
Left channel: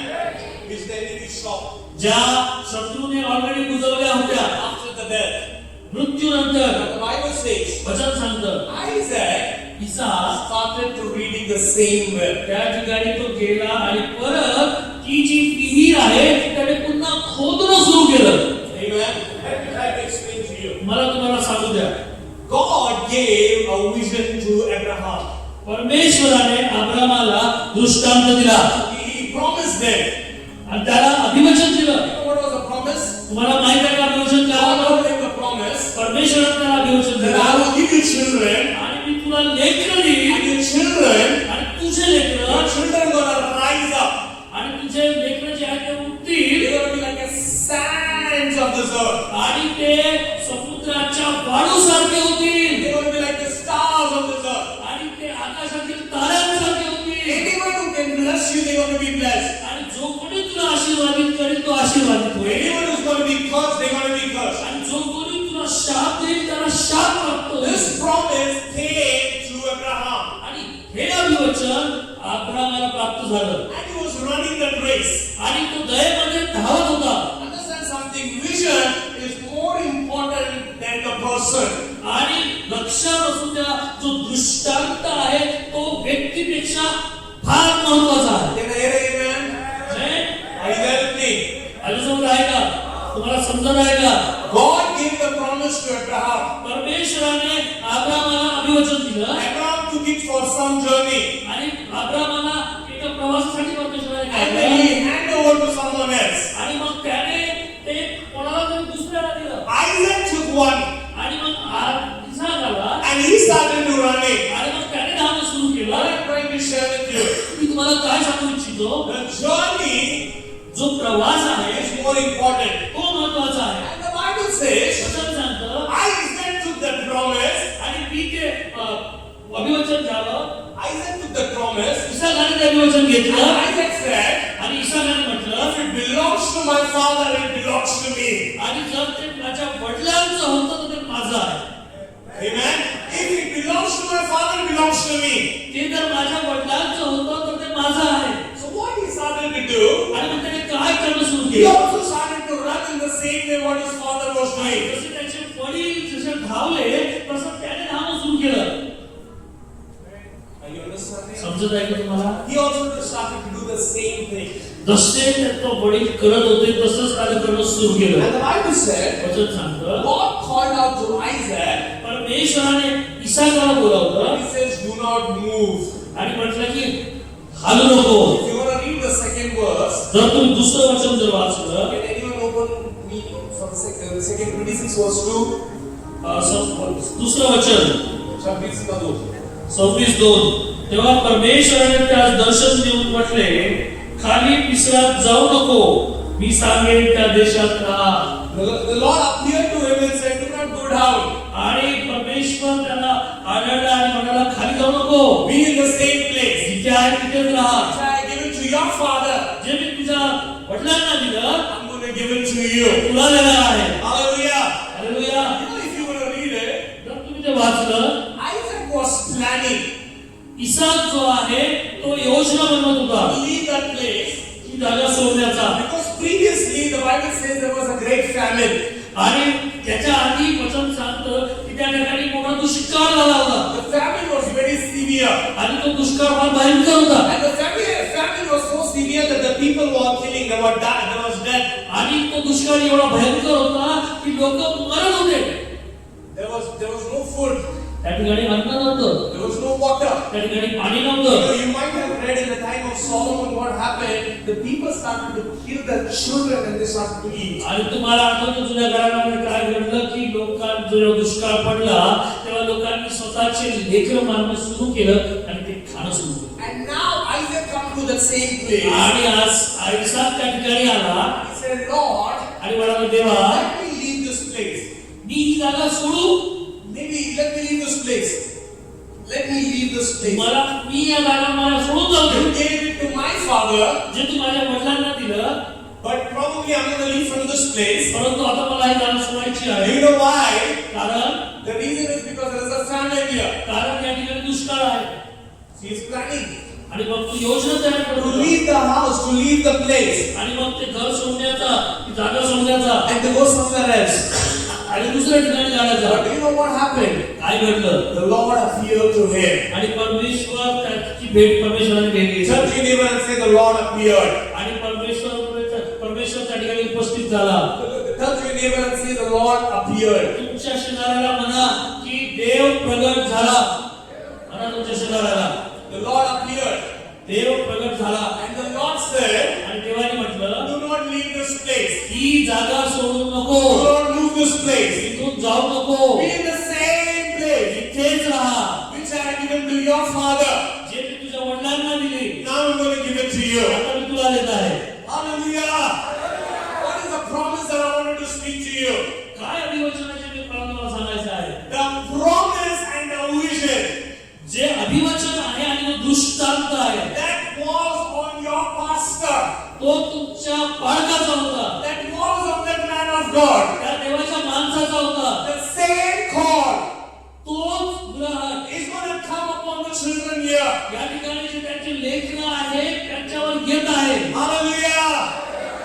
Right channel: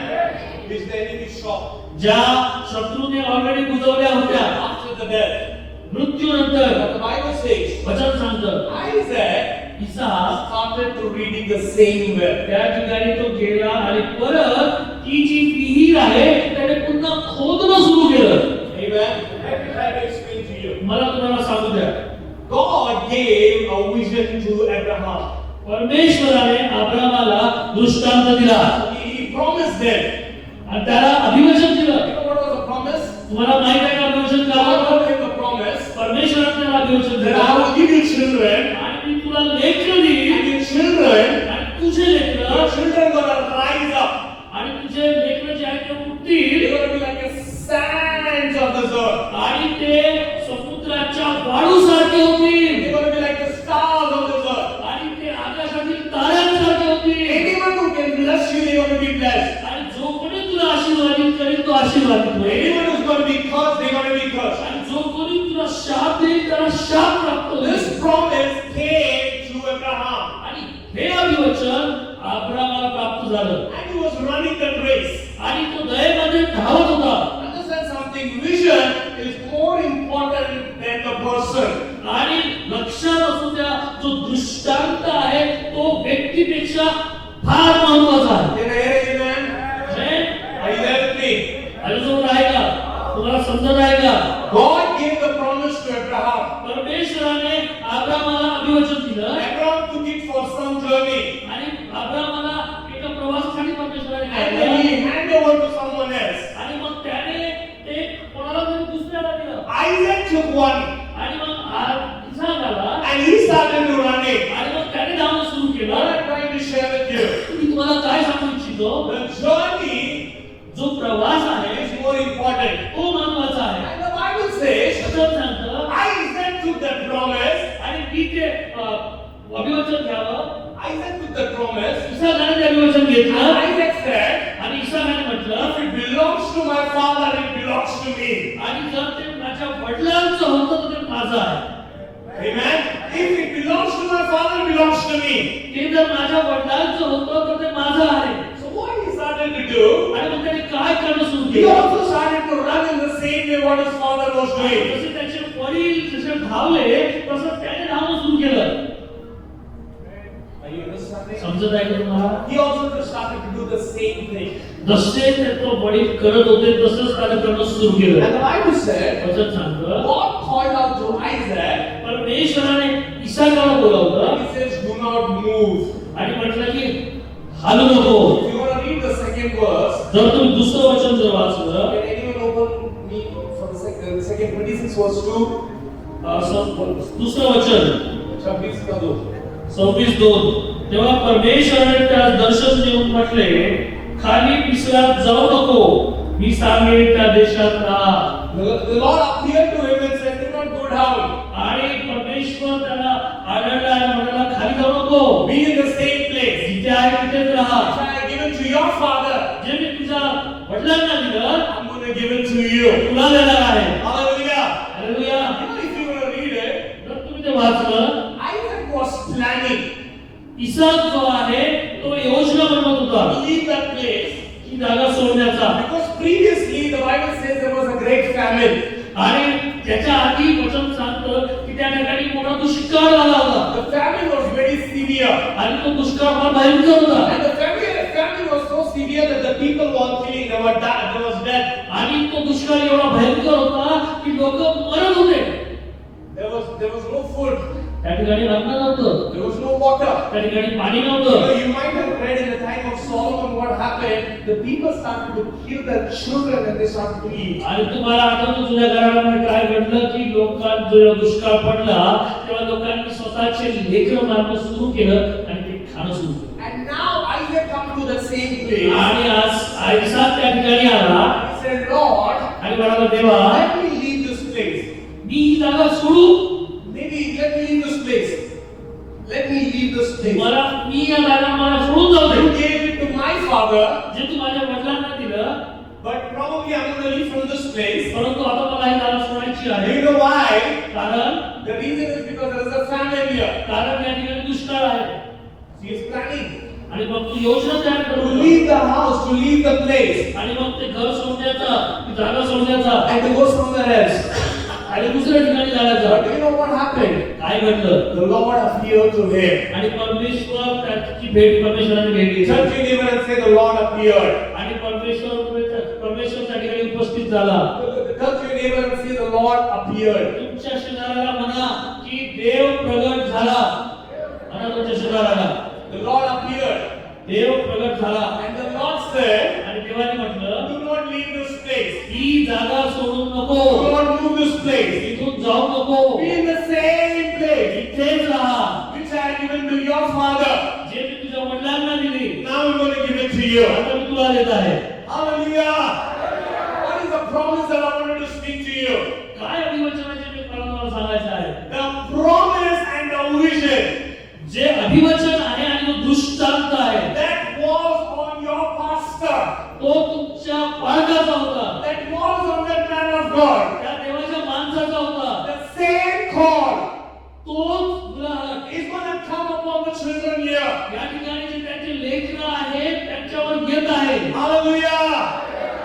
Which the enemy stopped ज्या शत्रूने ऑलरेडी बुजवल्या होत्या. after the death. मृत्यूनंतर But the Bible says, वचन सांगतं, Isaac Isaac started to reading the same well. त्या ठिकाणी तो गेला आणि परत ती जी विहीर आहे त्याने पुन्हा खोदणं सुरू केलं. Amen. Let me try to explain to you. मला तुम्हाला सांगू द्या, God gave a vision to Abraham. परमेश्वराने अब्रामाला दृष्टांत दिला He promised them. आणि त्याला अभिवचन दिलं. You know what was the promise? तुम्हाला माहित आहे का अभिवचन काय God होतं? told him the promise परमेश्वराने त्याला अभिवचन that दिलं, I will give you children, आणि मी तुला लेकरं देईन, and your children, आणि tuझे your लेकरं children gonna rise up. आणि तुझे लेकरं जे आहेत ते They're उठतील gonna be like the sands of this earth. आणि ते समुद्राच्या वाळूसारखे होतील They're gonna be like the stars of this earth. आणि ते आकाशातील ताऱ्यांसारखे होतील. Anyone who can bless you, they're gonna be blessed. आणि जो कोणी तुला आशीर्वादित करेल तो आशीर्वादित होईल. Anyone who's gonna be cursed, they're gonna be cursed. आणि जो कोणी तुला शाप देईल त्याला शाप प्राप्त होईल. This promise came to Abraham, आणि हे अभिवचन अब्रामाला प्राप्त झालं and he was running that race. आणि तो दयेमध्ये धावत होता. Understand something? Vision is more important than the person. आणि लक्षात असू द्या, जो दृष्टांत आहे तो व्यक्तीपेक्षा फार महत्वाचा आहे. Can I hear an amen? हे? Are you there with me? माझ्यासोबत आहे का? तुम्हाला समजत आहे का? God gave the promise to Abraham. परमेश्वराने अब्रामाला अभिवचन दिलं Abraham took it for some journey, आणि अब्रामाला एका प्रवासासाठी परमेश्वराने and काढलं. then he handed over to someone else. आणि मग त्याने ते कोणाला तरी दुसऱ्याला दिलं. Isaac took one, आणि मग इसाक आला and he started to running. आणि मग त्याने धावणं सुरू What केलं. I'm trying to share with you, मी तुम्हाला काय सांगू इच्छितो, the journey जो प्रवास आहे is more important. तो महत्वाचा आहे. And the Bible says, अभिवचन घ्यावं. Isaac took the promise. इसाकाने ते अभिवचन And घेतलं Isaac said, आणि इसाकाने म्हटलं, if it belongs to my father, it belongs to me. आणि जर ते माझ्या वडिलांचं होतं तर ते माझं आहे. Amen. If it belongs to my father, it belongs to me. ते जर माझ्या वडिलांचं होतं तर ते माझं आहे. So what he started to do, आणि मग त्याने काय करणं सुरू he केलं? also started to run in the same way what his father was doing. जसे त्याचे वडील जसे धावले तसं त्याने धावणं सुरू केलं. Are you understanding? समजत आहे का तुम्हाला? He also started to do the same thing. जसे त्याचे वडील करत होते तसंच त्याने करणं सुरू केलं. And the Bible said, वचन सांगतं, God called out to Isaac. परमेश्वराने इसाकाला बोलावलं He says, do not move. आणि म्हटलं की हालू नको. If you want to read the second verse, जर तुम्ही दुसरं वचन जर वाचलं, can anyone open me for the second 26 verse 2? दुसरं वचन 26 का 2. 26:2. तेव्हा परमेश्वराने त्यास दर्शन देऊन म्हटले, खाली पिसरात जाऊ नको, मी सांगेन त्या देशात राहा. The Lord appeared to him and said, do not go down. आणि परमेश्वर त्याला आढळला आणि म्हणाला, खाली जाऊ नको, Be in the same place. जिथे आहे तिथेच राहा. Which I have given to your father, जे मी तुझ्या वडिलांना दिलं I'm going to give it to you. तुला देणार आहे. Hallelujah. Hallelujah. You know, if you want to read it, जर तुम्ही ते वाचलं, Isaac was planning इसाक जो आहे तो योजना बनवत होता to leave that place. की जागा सोडण्याचा. Because previously the Bible says there was a great famine. आणि त्याच्या आधी वचन सांगतं की त्या ठिकाणी मोठा दुष्काळ झाला होता. The famine was very severe. आणि तो दुष्काळ फार भयंकर होता. And the famine was so severe that the people were killing, they was death. आणि तो दुष्काळ एवढा भयंकर होता की लोक मरत होते. There was no food. त्या ठिकाणी अन्न नव्हतं, There was no water. त्या ठिकाणी पाणी You नव्हतं. know, you might have read in the time of Solomon what happened. The people started to kill their children and they started to eat. आणि तुम्हाला आठवतं जुन्या घरामध्ये काय घडलं की लोकांना जेव्हा दुष्काळ पडला तेव्हा लोकांनी स्वतःचे लेकरं मारणं सुरू केलं आणि ते खाणं सुरू केलं. And now Isaac come to the same place. आणि आज इसाक त्या ठिकाणी आला He said, Lord, आणि म्हणाला, देवा let me leave this place. मी ही जागा सोडू. Maybe let me leave this place. Let me leave this place. मला मी या जागा मला सोडून जाऊ You they. gave it to my father, जे तू माझ्या वडिलांना दिलं, but probably I'm going to leave from this place. परंतु आता मला ही जागा सोडायची आहे. You know why? कारण The reason is because there is a famine here. या ठिकाणी दुष्काळ आहे. He is planning आणि मग तू योजना तयार to करू leave the house, to leave the place, आणि मग ते घर सोडण्याचा, ती जागा सोडण्याचा and to go somewhere else. आणि दुसऱ्या ठिकाणी जाण्याचा. But do you know what happened? काय घडलं? The Lord appeared to him. आणि परमेश्वर त्याची भेट परमेश्वराने भेट घेतली. Touch your neighbor and say, the Lord appeared. आणि परमेश्वर त्या ठिकाणी उपस्थित झाला. Touch your neighbor and say, the Lord appeared. तुमच्या शेजाऱ्याला म्हणा की देव प्रगट झाला. म्हणा तुमच्या शेजाऱ्याला, The Lord appeared. देव प्रगट झाला. And the Lord said, आणि देवाने म्हटलं, do not leave this place. ही जागा सोडू नको, Do not move this place. इथून जाऊ नको, Be in the same place इथेच राहा. which I have given to your father. जे मी तुझ्या वडिलांना दिली Now I'm going to give it to you. आता मी तुला देत आहे. Hallelujah. What is the promise that I wanted to speak to you? काय अभिवचनाचे ते मला तुम्हाला सांगायचं आहे. The promise and the vision जे अभिवचन आहे आणि तो दृष्टांत आहे, that was on your pastor, तो तुमच्या पालकाचा होता, that was on that man of God, त्या देवाच्या माणसाचा होता. the same call तोच ग्रहण is going to come upon the children here. या ठिकाणी जे त्यांचे लेकरं आहेत त्यांच्यावर येत आहे. Hallelujah.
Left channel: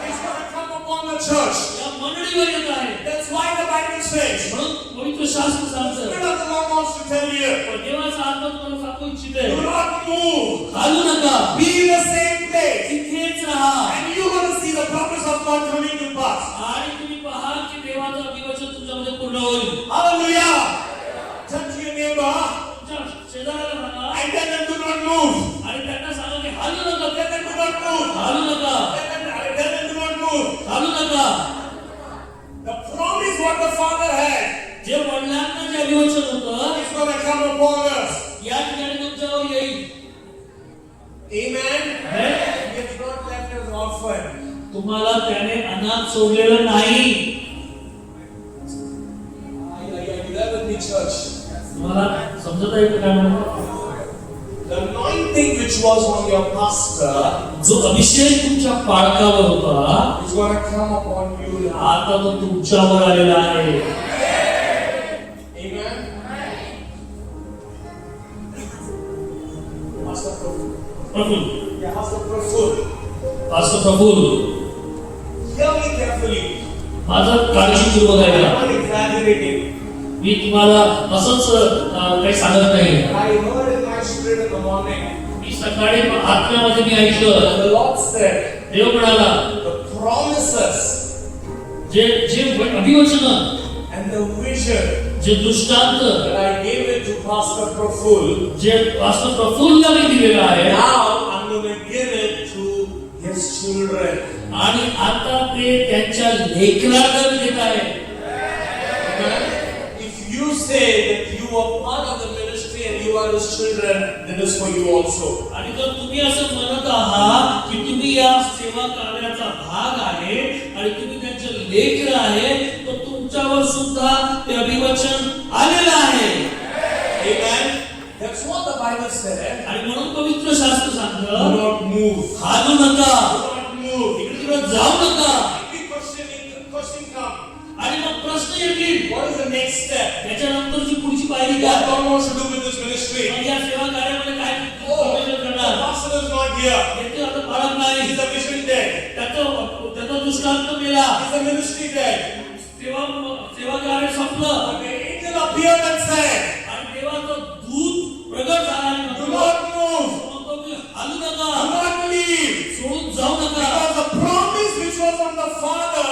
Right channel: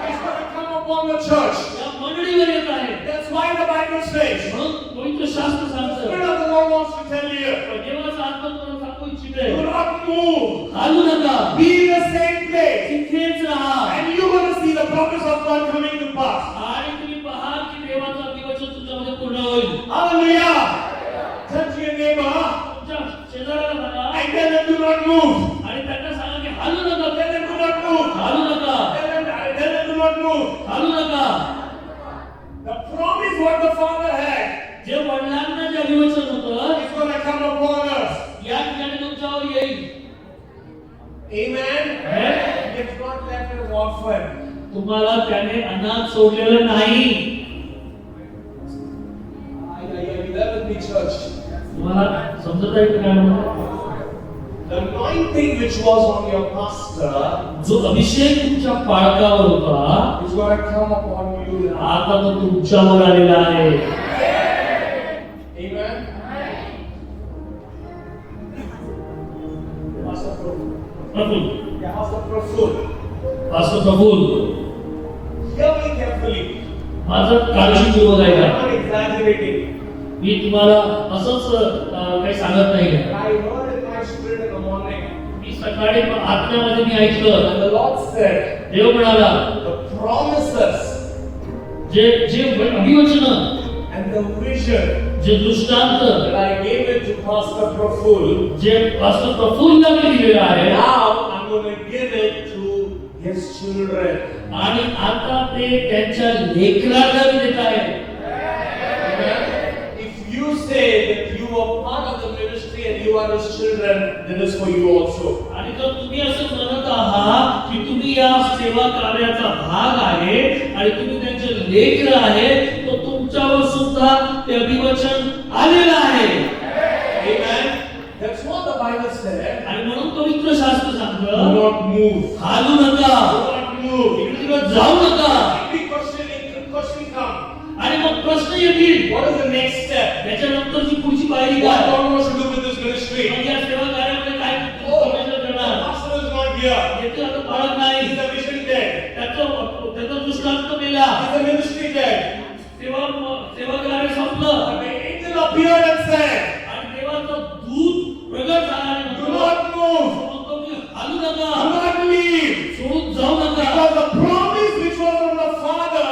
It's going to come upon the church. या मंडळीवर येत आहे. That's why the Bible says, म्हणून पवित्र शास्त्र the सांगतं, Spirit of the Lord wants to tell you, देवाचा आत्मा तुम्हाला सांगू इच्छिते, do not move. हालू नका, Be in the same place. इथेच राहा. And you're going to see the promise of God coming to pass. आणि तुम्ही पहा की देवाचं अभिवचन तुमच्यामध्ये पूर्ण होईल. Hallelujah. Touch your neighbor तुमच्या शेजाऱ्याला सांगा and tell them, do not move. आणि त्यांना सांगा की हालू नका, Tell them, do not move. हालू नका, Tell them, do not move. हालू नका. The promise what the Father had जे वडिलांना जे अभिवचन होतं is going to come upon us. या ठिकाणी तुमच्यावर येईल. Amen. हे? He has not left us orphan. तुम्हाला त्याने अनाथ सोडलेलं नाही. I love the church. तुम्हाला समजत आहे का काय म्हणतो? The anointing which was on your pastor जो अभिषेक तुमच्या पाळकावर होता is going to come upon you now. आता तो तुमच्यावर आलेला आहे. Amen. Pastor Prabhu. Praful, Yeah, Pastor Prabhu. Pastor Praful, Hear me carefully. माझं काळजीपूर्वक I'm ऐका. not exaggerating. मी तुम्हाला असंच काही सांगत नाही. I heard in my spirit in the morning. मी सकाळी आत्म्यामध्ये मी ऐकलं, And the Lord said, देव म्हणाला, the promises जे जे अभिवचन and the vision जे दृष्टांत that I gave it to Pastor Praful, जे पास्टर प्रफुल्लला मी दिलेलं आहे now I'm going to give it to his children. आणि आता ते त्यांच्या लेकरांना देत आहे. Amen. If you say that you are part of the ministry and you are his children, then it's for you also. आणि जर तुम्ही असं म्हणत आहात की तुम्ही या सेवा कार्याचा भाग आहे आणि तुम्ही त्यांचे लेकर आहे, तो तुमच्यावर सुद्धा ते अभिवचन आलेलं आहे. Amen. That's what the Bible said. आणि म्हणून पवित्र शास्त्र Do सांगतं, not move. हालू नका, Do not move. इकडे जाऊ नका. Big question come. आणि मग प्रश्न येतील, What is the next step? त्याच्यानंतरची पुढची पायरी What काय? God wants to do with this ministry? मग या सेवा कार्यामध्ये काय Oh, परमेश्वर the करणार? pastor is not here. येथे आता बाळक नाही, He's a vision dead. त्याचा दृष्टांत मेला, He's a ministry dead. सेवा कार्य संपलं. But the angel appeared and said, आणि देवाचं दूत प्रगट झाला आणि do म्हणतो, not move. म्हणतो की हालू नका, Do not leave. सोडून जाऊ नका. Because the promise which was on the Father,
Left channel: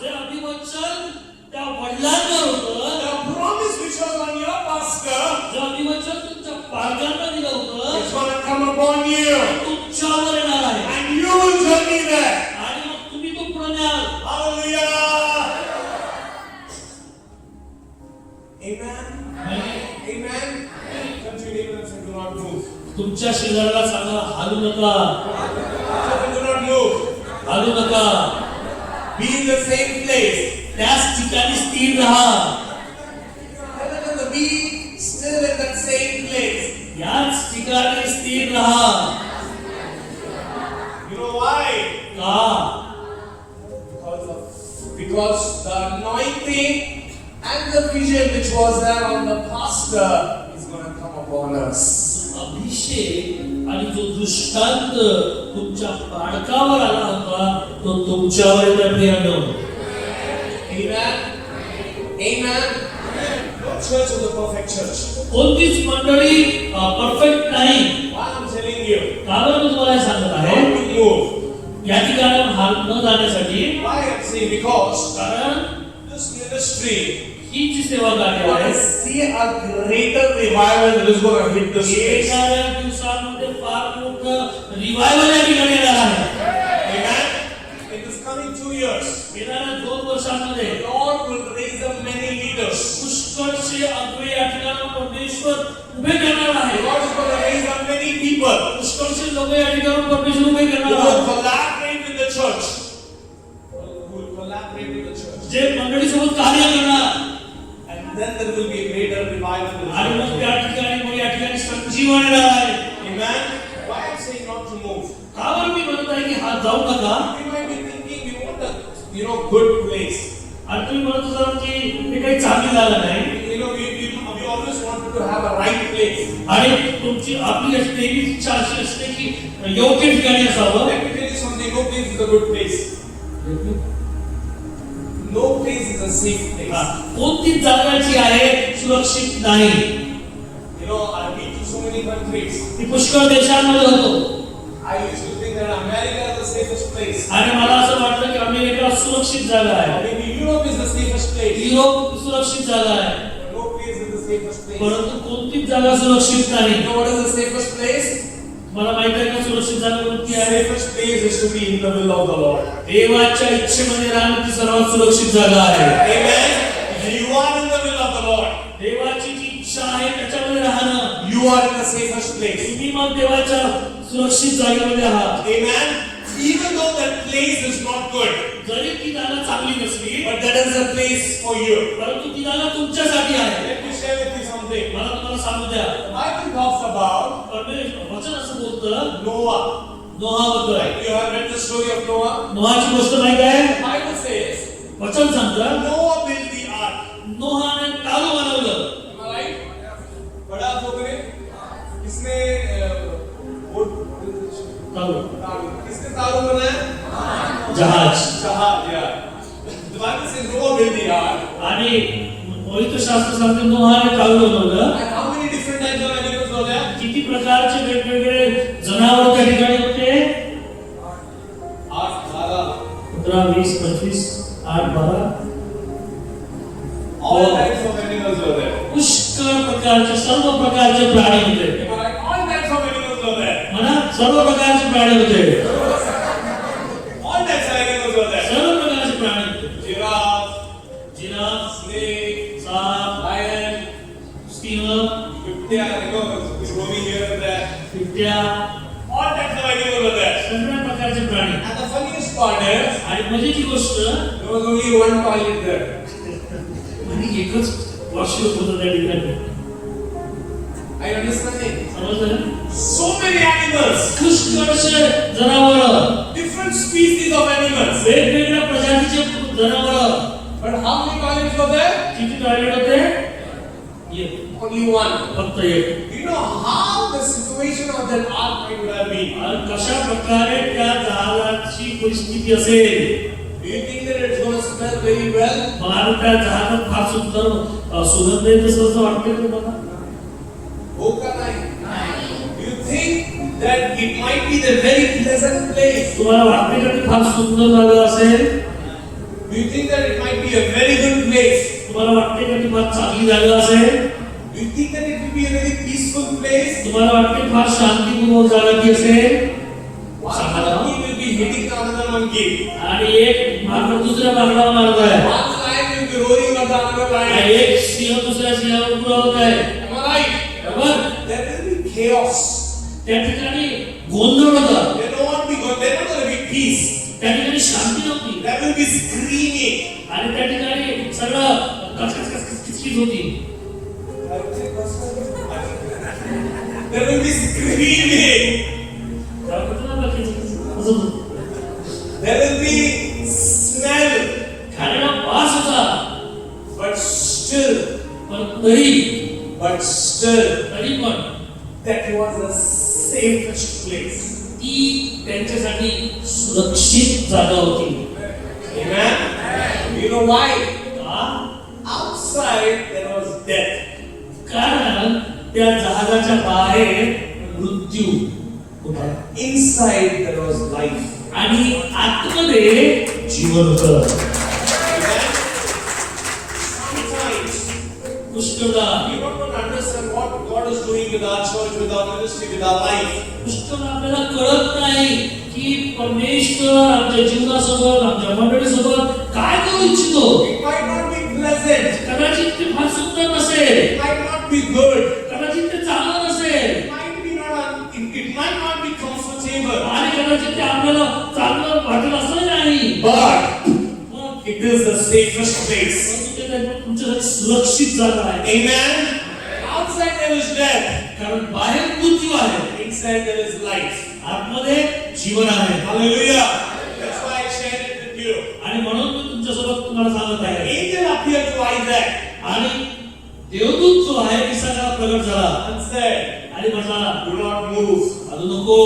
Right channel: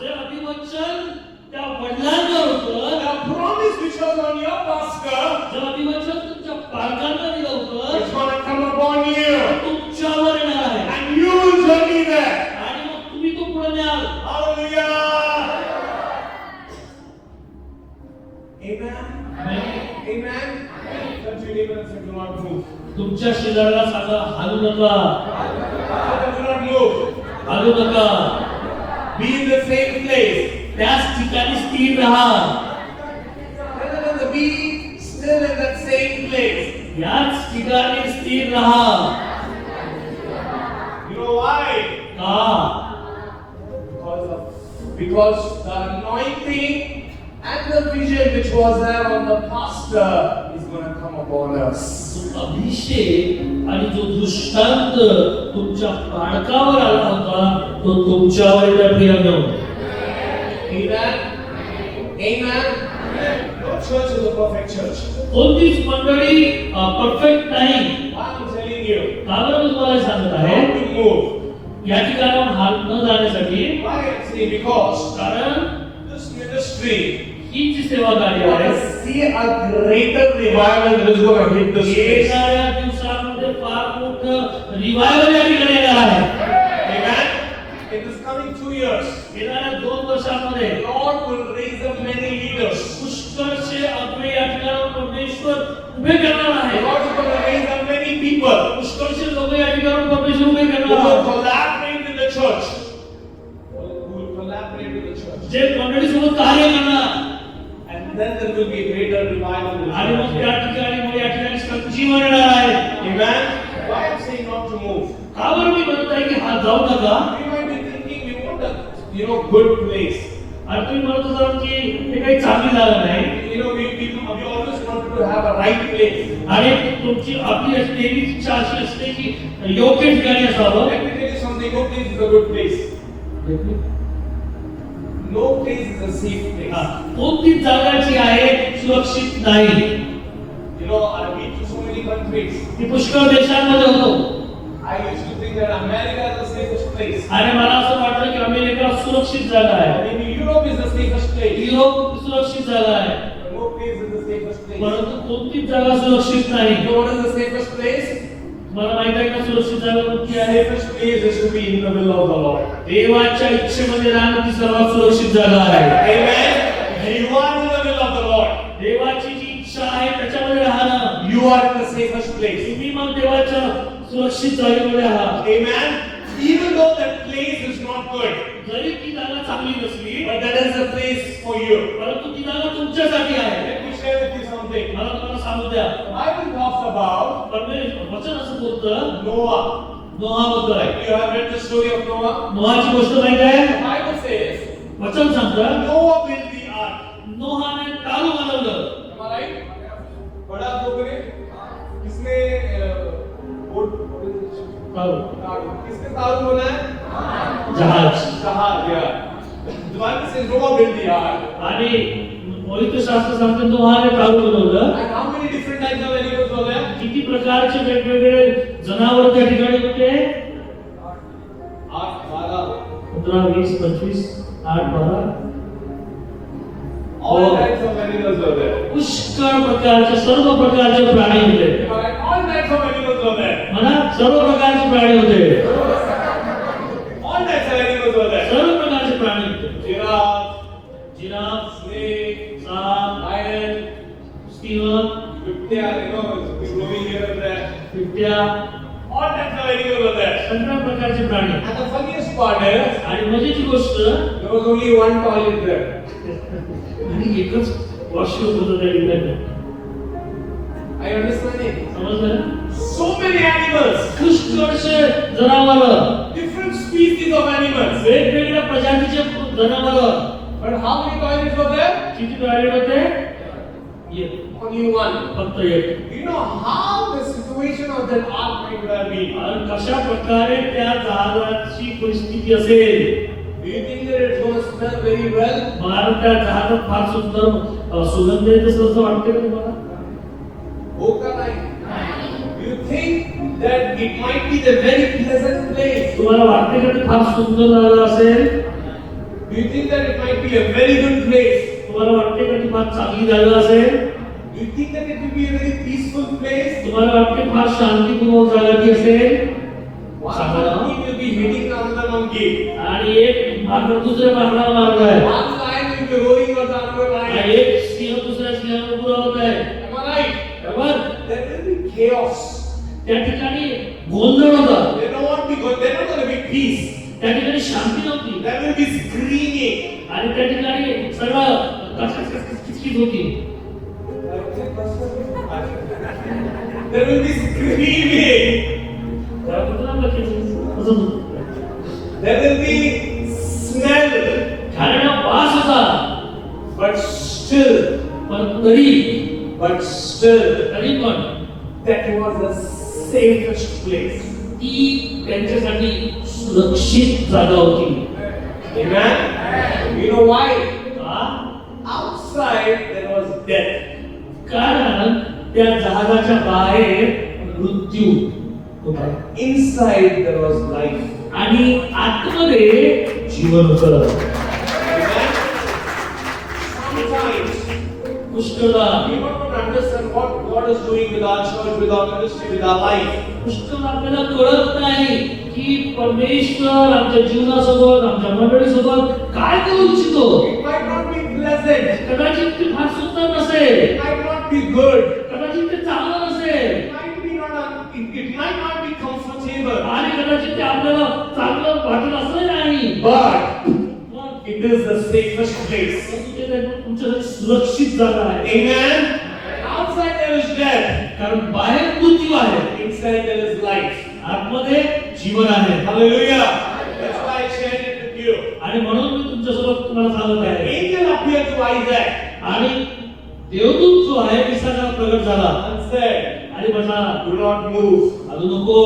जे अभिवचन त्या वडिलांवर होतं, the promise which was on your pastor, जे अभिवचन तुमच्या पालकांना दिलं होतं, is going to come upon you. ते तुमच्यावर येणार आहे. And you will journey there. आणि मग तुम्ही तो पुढे न्याल. Hallelujah. Amen. Amen. Come to your neighbor and say, do not move. तुमच्या शेजाऱ्याला सांगा, हालू नका, Say, do not move. हालू नका. Be in the same place. त्याच ठिकाणी स्थिर राहा. Tell them to be still in that same place. याच ठिकाणी स्थिर राहा. You know why? का? Because the anointing and the vision which was there on the pastor is going to come upon us. तो अभिषेक आणि जो दृष्टांत तुमच्या पालकावर आला होता, तो तुमच्यावर येत्या प्रियानो. Amen. Amen. No church is a perfect church. कोणतीच मंडळी परफेक्ट नाही. Why I'm telling you? का बरं मी तुम्हाला हे सांगत आहे? How to move? या ठिकाणावर हाल न जाण्यासाठी, Why I'm saying because कारण this ministry, ही जी सेवा कार्य you want आहे, to see a greater revival that is going to hit the space. येणाऱ्या दिवसांमध्ये फार मोठं रिवायवल या ठिकाणी येणार आहे. Amen. In this coming 2 years, येणाऱ्या 2 वर्षांमध्ये the Lord will raise up many leaders. पुष्कळशे अद्वैत या ठिकाणावर परमेश्वर उभे करणार The आहे. Lord is going to raise up many people पुष्कळशे लोक या ठिकाणावर परमेश्वर उभे who करणार will आहे. collaborate with the church. Who will collaborate with the church. जे मंडळीसोबत कार्य करणार And then there will be a greater revival. in आणि the मग church. त्या ठिकाणी मग या ठिकाणी संजीवन येणार आहे. Amen. Why I'm saying not to move? का बरं मी म्हणत आहे की हा जाऊ नका? We might be thinking we want a good place. आणि तुम्ही म्हणत असाल की हे काही चांगली जागा नाही We always wanted to have a right place. आणि तुमची आपली नेहमी इच्छा अशी असते की योग्य ठिकाणी असावं. Let me tell you something. No place is a good place. No place is a safe हा, place. कोणती जागा जी आहे सुरक्षित नाही. I've been to so many countries. मी पुष्कळ देशांमध्ये होतो I used to think that America is the safest place. आणि मला असं वाटलं की अमेरिका सुरक्षित जागा आहे, Maybe Europe is the safest place. Europe सुरक्षित जागा आहे. But no place is the safest place. परंतु कोणतीच जागा सुरक्षित नाही. You know what is the safest place? मला माहित आहे का सुरक्षित जागा कोणती The आहे? safest place is to be in the will of the Lord. देवाच्या इच्छेमध्ये राहणं ती सर्वात सुरक्षित जागा आहे. Amen. You are in the will of the Lord. देवाची जी इच्छा आहे त्याच्यामध्ये राहणं, You are in the safest place. तुम्ही मग देवाच्या सुरक्षित जागेमध्ये आहात. Amen. Even though that place is not good, जरी ती जागा चांगली नसली, but that is a place for you. परंतु ती जागा तुमच्यासाठी आहे. Let me share share with you something. मला तुम्हाला सांगू द्या, The Bible talks about परमेश्वर वचन असं बोलतं Noah. नोहाबद्दल. You have read the story of Noah? नोहाची गोष्ट माहिती आहे? The Bible says वचन सांगतं Noah built the ark. नोहाने टाळू बनवलं. Am I right? बड़ा पोखरे किसने टाळू. किसने तारू बनाया? जहाज. जहाज. Yeah. The Bible says Noah built the ark. आणि पवित्र शास्त्र सांगतं नोहाने टाळू बनवलं. And how many different types of animals were there? किती प्रकारचे वेगवेगळे जनावर त्या ठिकाणी होते? 8, 12. 15, 20, 25, 8, 12. All types of animals were there. पुष्कळ प्रकारचे सर्व प्रकारचे प्राणी होते. Am I right? All types of animals were there. म्हणा सर्व प्रकारचे प्राणी होते. All types of animals were there. सर्व प्रकारचे प्राणी होते. Giraffe, जिराफ, snake, साप, lion, स्टीमर, बिबट्या, roaming here and there. बिबट्या, All types of animals were there. सगळ्या प्रकारचे प्राणी. And the funniest part is, आणि मजेची गोष्ट there was only one toilet there. आणि एकच वॉशरूम होतं त्या ठिकाणी. I understand it. समजलं? So many animals, पुष्कळशे जनावरं, different species of animals. वेगवेगळ्या प्रजातीचे जनावरं. But how many toilets were there? किती टॉयलेट होते? एक. Only one. फक्त एक. You know how the situation of that ark would have been? आणि कशा प्रकारे त्या जहाजाची परिस्थिती असेल? Do you think that it's going to smell very well? मला त्या जहाजात फार सुंदर सुगंध येत असं वाटते का तुम्हाला? हो का नाही? Do you think that it might be the very pleasant place? तुम्हाला वाटते का ते फार सुंदर जागा असेल? Do you think that it might be a very good place? तुम्हाला वाटते का ती फार चांगली जागा असेल? Do you think that it will be a very peaceful place? तुम्हाला वाटते फार शांतीपूर्ण जागा ती असेल? One monkey will be hitting another monkey. आणि एक मागं दुसऱ्या मागला मारत आहे. One lion will be roaring at the other आणि lion. एक सिंह दुसऱ्या सिंहावर उभा होत आहे. Am I right? बरोबर? There will be chaos. त्या ठिकाणी गोंधळ होता. There not want to be good. There not going to be peace. त्या ठिकाणी शांती नव्हती. There will be screaming. आणि त्या ठिकाणी सगळं किचकिच होती. There will be screaming. There will be smell. खाण्याला वास होता. But still, पण तरी पण that was the safest place. ती त्यांच्यासाठी सुरक्षित जागा होती. Amen? You know why? का? Outside there was death. कारण त्या जहाजाच्या बाहेर मृत्यू होता. Inside there was life. आणि आतमध्ये जीवन होतं. Amen? Sometimes पुष्कळदा we don't understand what God is doing with our church, with our ministry, with our life. पुष्कळ आपल्याला कळत नाही की परमेश्वर आमच्या जीवनासोबत आमच्या मंडळीसोबत काय करू इच्छितो. It might not be pleasant. कदाचित ते फार सुंदर नसेल. It might not be good. कदाचित ते चांगलं नसेल. It might not be comfortable. आणि कदाचित ते आपल्याला चांगलं वाटेल असं नाही. But मग it is the safest place. तुमच्यासाठी सुरक्षित जागा आहे. Amen. Outside there is death. कारण बाहेर मृत्यू आहे. Inside there is life. आतमध्ये जीवन आहे. Hallelujah. That's why I shared it with you. आणि म्हणून मी तुमच्यासोबत तुम्हाला सांगत आहे. Angel appeared to Isaac आणि देवदूत जो आहे इसाकाला प्रगट झाला and said, आणि म्हटला "Do not move. अजून नको.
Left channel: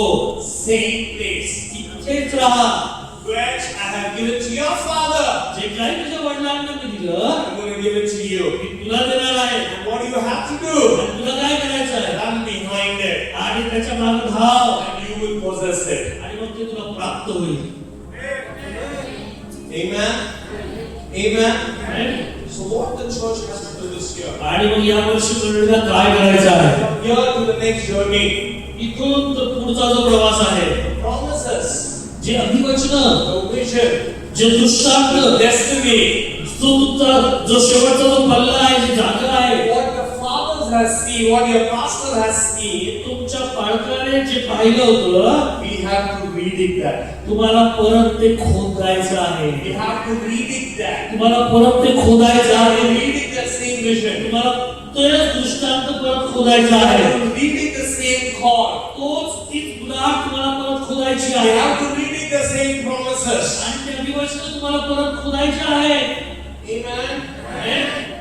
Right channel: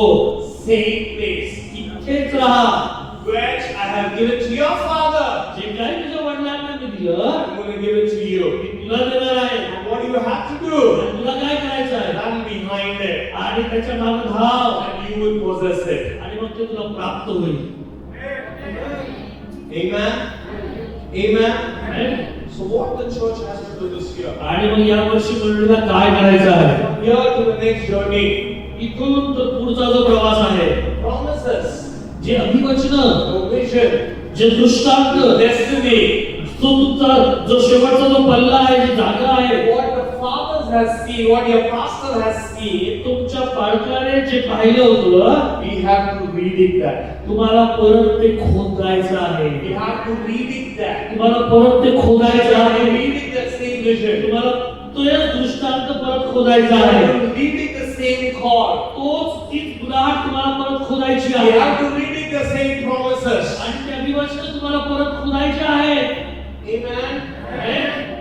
Same place इथेच राहा. which I have given to your father. जे काही तुझ्या वडिलांना मी दिलं I'm going to give it to you. मी तुला देणार आहे. And what do you have to do? आणि तुला काय करायचं आहे. Run behind it, आणि त्याच्या मागे धाव. and you will possess it." आणि मग ते तुला प्राप्त होईल. Amen. Amen. Amen. So what the church has to do this year? आणि मग या वर्षी मंडळीला काय करायचं आहे. From here to the next journey, इथून तर पुढचा जो प्रवास आहे. promises, जे अभिवचन, the vision, जे दृष्टांत, destiny, जो तुमचा जो शेवटचा जो पल्ला आहे, जी जागा आहे, what the fathers has seen, what your pastor has seen, तुमच्या पालकाने जे पाहिलं होतं, we have to read it that. तुम्हाला परत ते खोदायचं आहे. We have to read it that. तुम्हाला परत ते खोदायचं We have to आहे. read it that same vision. तुम्हाला तो दृष्टांत परत खोदायचा You आहे. are reading the same chord. तोच तीच गुलाट तुम्हाला परत खोदायची You आहे. have to reading the same promises. आणि त्या अभिवचन तुम्हाला परत खोदायचे आहे. Amen.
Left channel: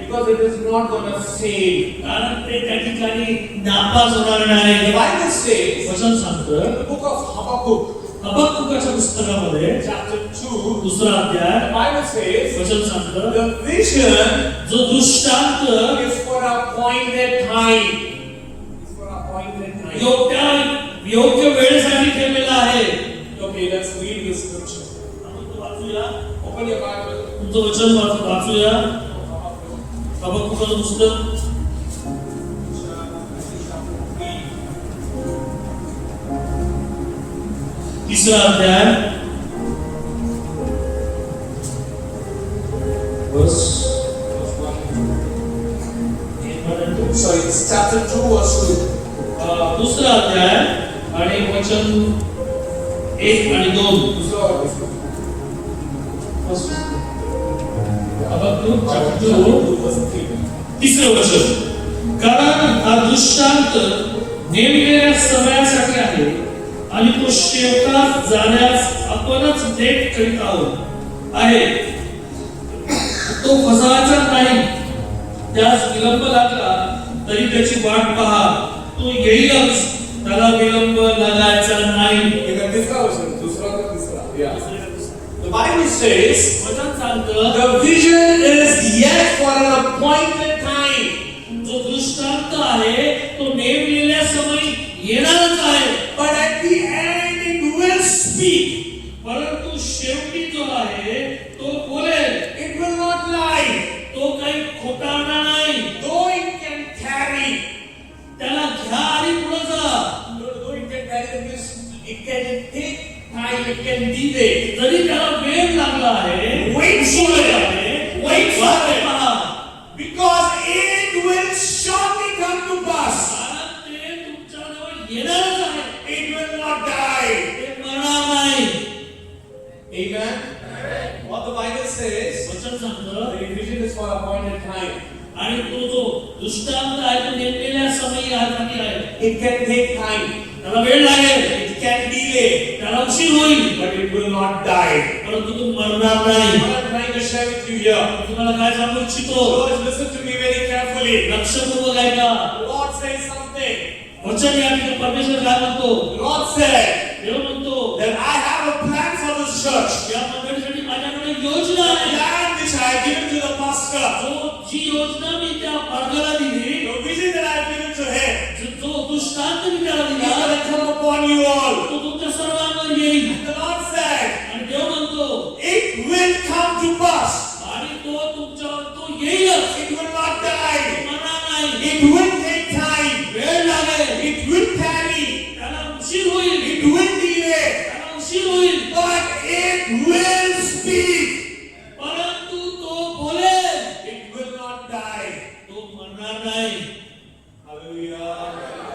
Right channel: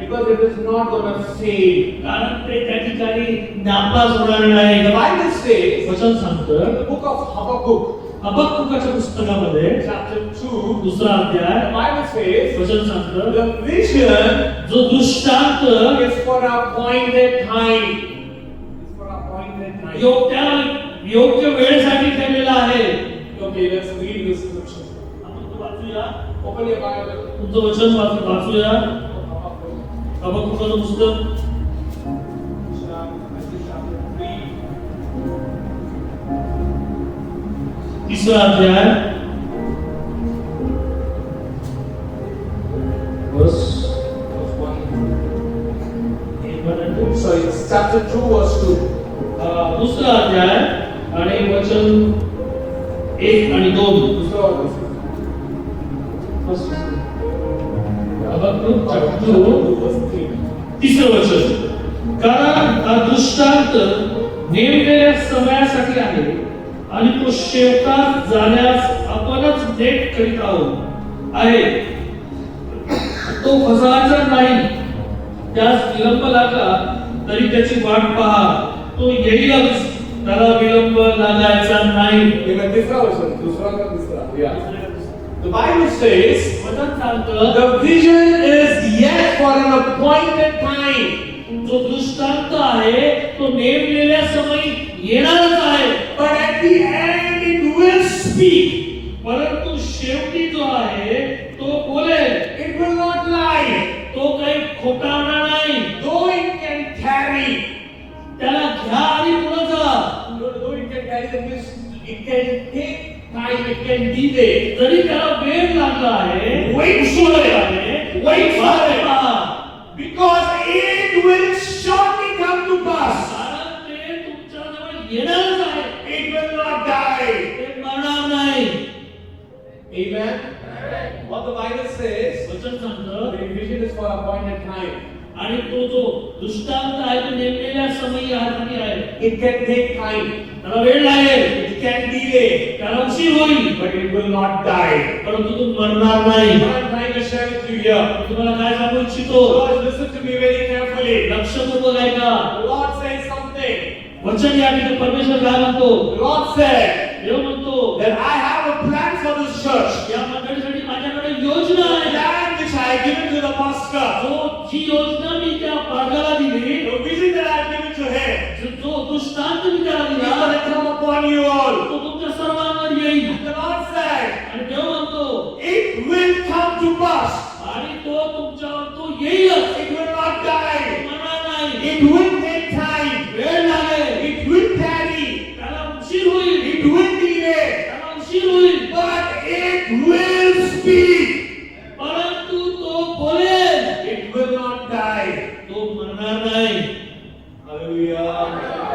Because it is not going to save. कारण ते त्या ठिकाणी नापास होणार नाही. The Bible says वचन सांगतं in the book of Habakkuk, हबक्कुकाच्या पुस्तकामध्ये chapter 2, दुसरा अध्याय the Bible says वचन सांगतं the vision जो दृष्टांत is for a appointed time. It's for a appointed time. योग्य वेळेसाठी ठेवलेला आहे. Okay, let's read this scripture. आपण तो वाचूया. Open your Bible. तुमचं वचन वाचूया. हबक्कुकाचं पुस्तक तिसरा अध्याय Verse 1. Sorry, it's chapter 2, verse 2. दुसरा अध्याय आणि वचन 1 आणि 2. First. हबक्कुक chapter 2 verse 3. तिसरं वचन. कारण हा दृष्टांत नेमलेल्या समयासाठी आहे आणि तो शेवटास जाण्यास आपणच लेट करीत आहोत आहे. तो फसवायचा नाही, त्यास विलंब लागला तरी त्याची वाट पहा, तो येईलच, त्याला विलंब लागायचा नाही. तिसरा वचन, दुसरा का तिसरा? Yeah. The Bible says वचन सांगतं the vision is yet for an appointed time. जो दृष्टांत आहे तो नेमलेल्या समयी येणारच आहे. But at the end it will speak. परंतु शेवटी जो आहे तो बोलेल. It will not lie. तो काही खोटावणार नाही. Though it can tarry. त्याला घ्या आणि पुढे जा. Though it can tarry, it can take time, it can delay. जरी त्याला वेळ लागला आहे, Wait for it. आहे, Wait for वाट it. पहा. Because it will surely come to pass. कारण ते तुमच्याजवळ येणारच आहे. It will not die. ते मरणार नाही. Amen. What the Bible says, वचन सांगतं the vision is for appointed time. आणि तो जो दृष्टांत आहे तो नेमलेल्या समयी आहे. It can take time. त्याला वेळ लागेल, It can delay. त्याला उशीर होईल, But it will not die. परंतु तो मरणार नाही. What I'm trying to share with you here. तुम्हाला काय सांगू इच्छितो? Lord, listen to me very carefully. लक्षपूर्वक ऐका. The Lord says something. वचन या ठिकाणी परमेश्वर काय म्हणतो? The Lord said देव म्हणतो that I have a plan for this church. या मंडळीसाठी माझ्याकडे योजना The आहे. plan which I have given to the pastor. जी योजना मी त्या मार्गाला दिली, The vision that I have given to him. जो दृष्टांत मी त्याला It's दिला, going to come upon you all. तो तुमच्या सर्वांवर येईल. The Lord said आणि देव म्हणतो it will come to pass. आणि तो तुमच्यावर तो येईलच. It will not die. मरणार नाही. It will take time. वेळ लागेल, It will tarry. त्याला उशीर होईल, It will delay. त्याला उशीर होईल, But it will speak. परंतु तो बोलेल. It will not die. तो मरणार नाही. Hallelujah.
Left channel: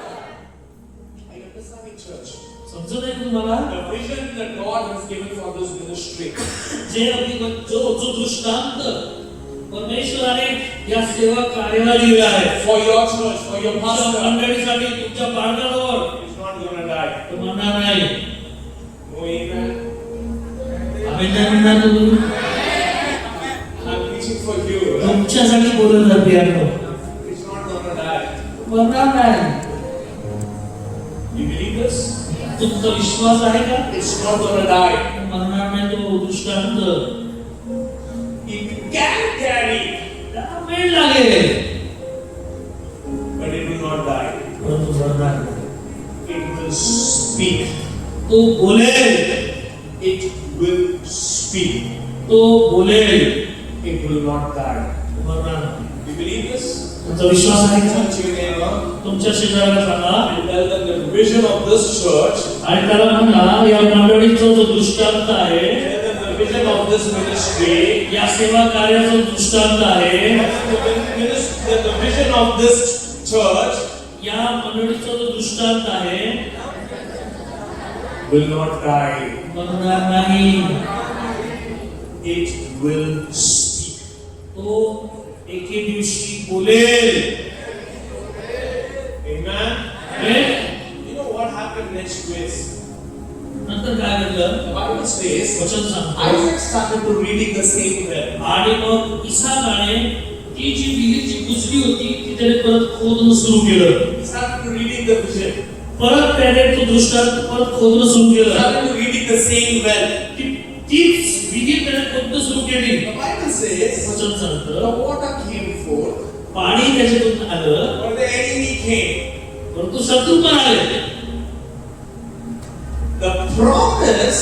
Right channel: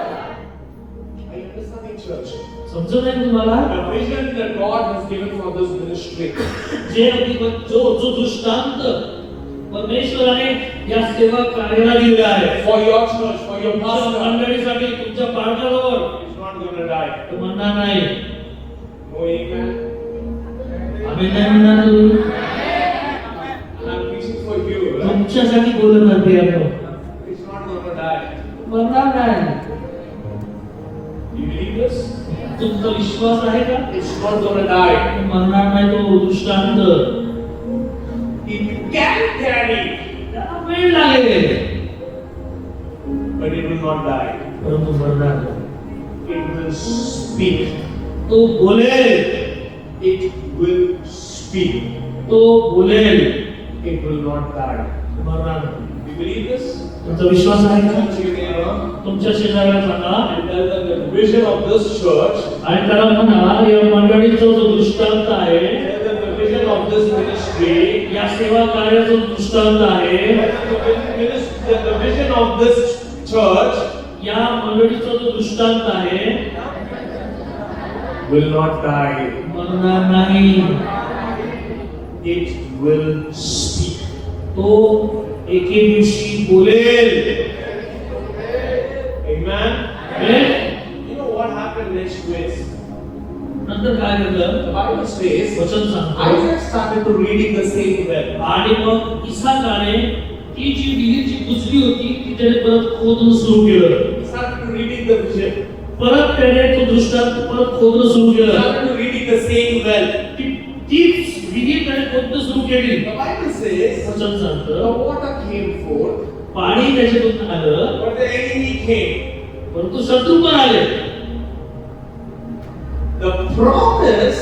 Are you understanding, church? समजत आहे तुम्हाला? The vision that God has given for this ministry. जो दृष्टांत परमेश्वराने या सेवा कार्याला दिला आहे, For your church, for your तुमच्या pastor. मंडळीसाठी, तुमच्या पालकांवर, It's not going to die. तो मरणार नाही. No, amen. आम्ही काय म्हणणार तुम्ही? I'm preaching for you. तुमच्यासाठी बोलत आहे piano. It's not going to die. मरणार नाही. You believe this? तुमचा विश्वास आहे का? It's not going to die. मरणार नाही तो दृष्टांत. It can tarry, त्याला वेळ लागेल, but it will not die. परंतु मरणार नाही. It will speak. तो बोलेल, It will speak. तो बोलेल, It will not die. मरणार नाही. You believe this? तुमचा विश्वास आहे का? Turn to your neighbor तुमच्या शेजाऱ्याला सांगा and tell them the vision of this church. आणि त्याला म्हणा या मंडळीचा जो दृष्टांत आहे, Tell them the vision of this ministry. या सेवा कार्याचा दृष्टांत आहे, The vision of this church या मंडळीचा जो दृष्टांत आहे will not die. मरणार नाही. It will speak. तो एके दिवशी बोलेल. Amen. Amen. You know what happened next phase? नंतर काय घडलं? The Bible says वचन सांगतं Isaac started to reading the same well. आणि मग इसाकाने ती जी विहीर जी बुजली होती ती त्याने परत खोदणं सुरू केलं. He started to reading the vision. परत त्याने तो दृष्टांत परत खोदणं सुरू He केलं. started to reading the same well. तीच विहीर त्याने खोदणं सुरू केली. The Bible says वचन the सांगतं water came forth, पाणी त्याच्यातून आलं but the enemy came. परंतु शत्रू पण आले. The promise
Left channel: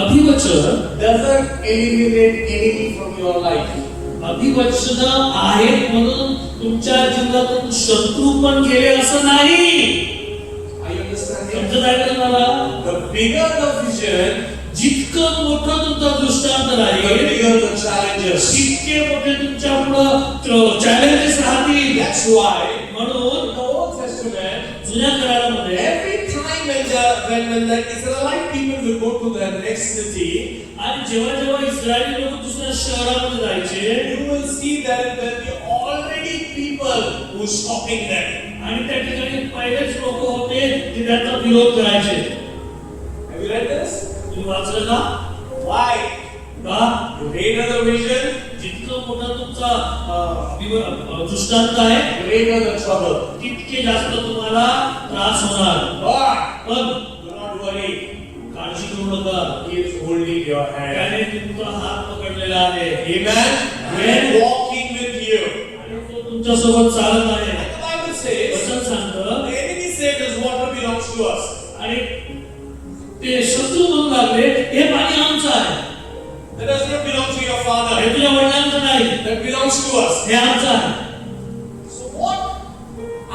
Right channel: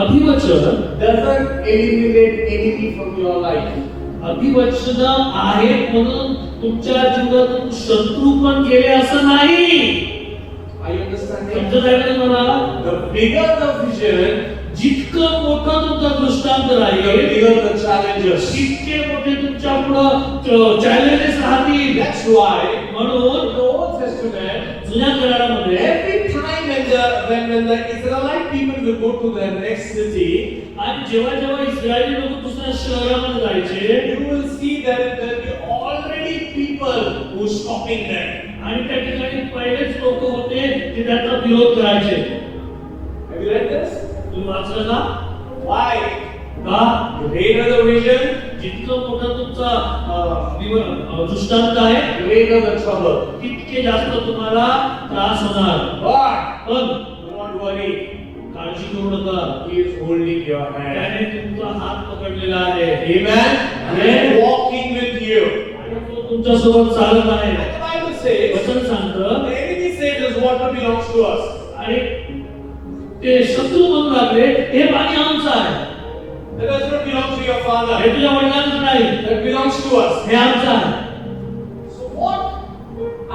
अभिवचन doesn't eliminate enemy from your life. अभिवचन आहेत म्हणून तुमच्या जीवनातून शत्रू पण गेले असं नाही. Are you understanding? समजत आहे का मला? The bigger the vision, जितकं मोठं तुमचा दृष्टांत the राहील bigger the challenges. तितके मोठे तुमच्या पुढं चॅलेंजेस राहतील. That's why म्हणून in the Old Testament, जुन्या करारामध्ये every time when the Israelite people will go to the next city, आणि जेव्हा जेव्हा इस्रायली लोक दुसऱ्या शहरामध्ये जायचे you will see that there will be already people who are stopping them. आणि त्या ठिकाणी पहिलेच लोक होते जे त्याचा विरोध करायचे. Have you read this? तुम्ही वाचलं का? Why? का? The greater the vision, जितकं मोठं तुमचा दृष्टांत आहे greater the trouble. तितके जास्त तुम्हाला त्रास होणार. But पण do not worry, काळजी करू नका. He is holding your hand. त्याने तुमचा हात पकडलेला आहे. Amen. He is walking with you. आणि तो तुमच्या सोबत चालत आहे. And the Bible says, वचन सांगतं the enemy said this water belongs to us. आणि ते शत्रू म्हणू लागले हे पाणी आमचं आहे. That does not belong to your father. हे तुझ्या वडिलांचं नाही. That belongs to us. हे आमचं आहे. So what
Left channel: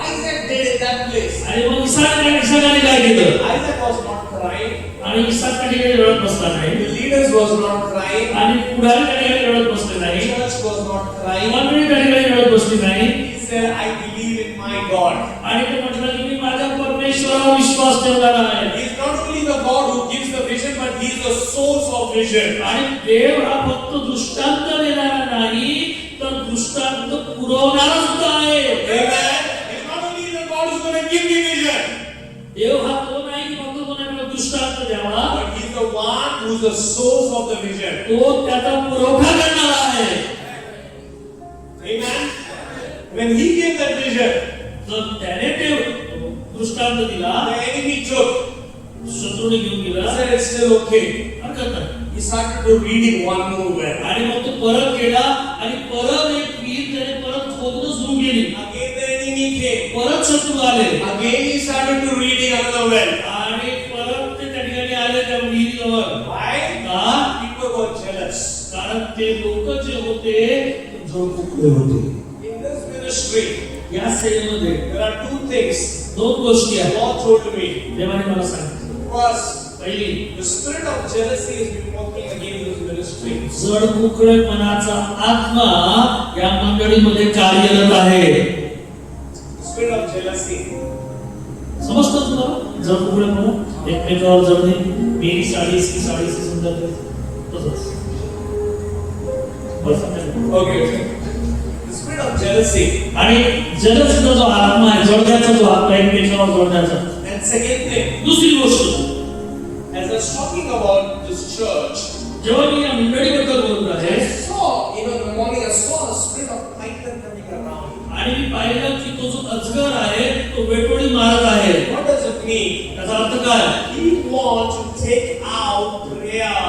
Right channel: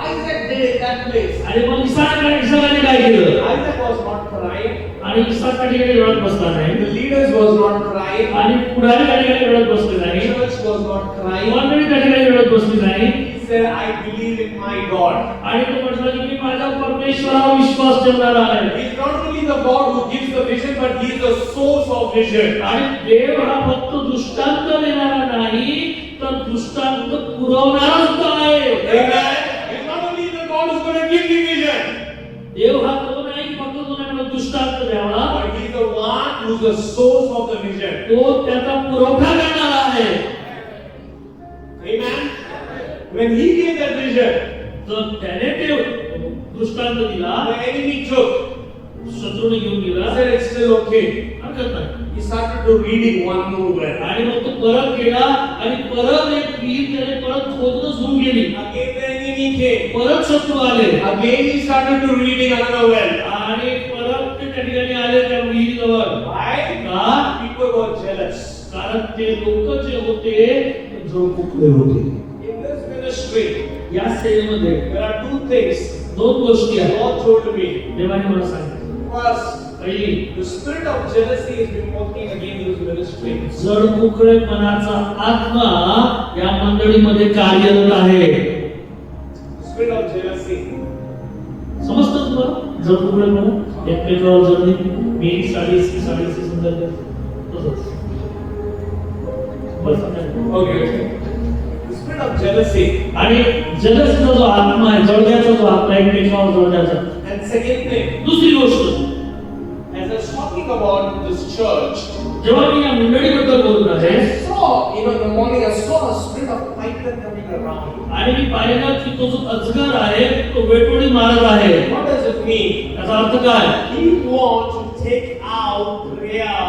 Isaac did in that place? आणि मग इसाकाने काय केलं? Isaac was not crying. आणि इसाक त्या ठिकाणी रडत बसला नाही. The leaders was not crying. आणि पुढारी त्या ठिकाणी रडत बसले The नाही. church was not crying. मंडळी त्या ठिकाणी रडत बसली नाही. He said, I believe in my God. आणि तो म्हटलं की मी माझ्या परमेश्वरावर विश्वास ठेवणार आहे. He is not only the God who gives the vision, but He is the source of vision. आणि देव हा फक्त दृष्टांत देणारा नाही तर दृष्टांत पुरवणारा सुद्धा आहे. Amen. He is not only the God who is going to give the vision, देव हा तो नाही की फक्त तुम्हाला दृष्टांत द्यावा, but He is the one who is the source of the vision. तो त्याचा पुरवठा करणारा आहे. Amen. When He gave that vision, जर त्याने ते दृष्टांत दिला the enemy took. शत्रूने घेऊन He गेला said, it's still okay. हरकत नाही. He started to reading one more well. आणि मग तो परत गेला आणि परत एक विहीर त्याने परत खोदणं सुरू केली. Again the enemy came. परत शत्रू आले Again he started to reading another well. आणि परत ते त्या ठिकाणी आले त्या विहिरीजवळ. Why? का? People were jealous. कारण ते लोक जे होते झोंबुकले होते. In this ministry, या सेवेमध्ये there are two things दोन गोष्टी the आहेत. Lord told me. देवाने मला सांगितलं. First, पहिली, the spirit of jealousy has been working against this ministry. जडमुकळेपणाचा आत्मा या मंडळीमध्ये कार्यरत आहे. Spirit of jealousy. समजतं तुला? जडमुकळेपणा एकमेकावर जडणे, मेरी साडी इसकी साडी से सुंदर तसंच. बस Okay. The spirit of jealousy. आणि जलसचा जो आत्मा आहे जडण्याचा जो आत्मा एकमेकावर जडण्याचा. And second thing, दुसरी गोष्ट, as I was talking about this church, जेव्हा मी या मंडळीबद्दल बोलत आहे I saw, in the morning, I saw a spirit of python coming around. आणि मी पाहिलं की तो जो अजगर आहे तो वेटोळी मारत आहे. What does it mean? त्याचा अर्थ काय? He wants to take out prayer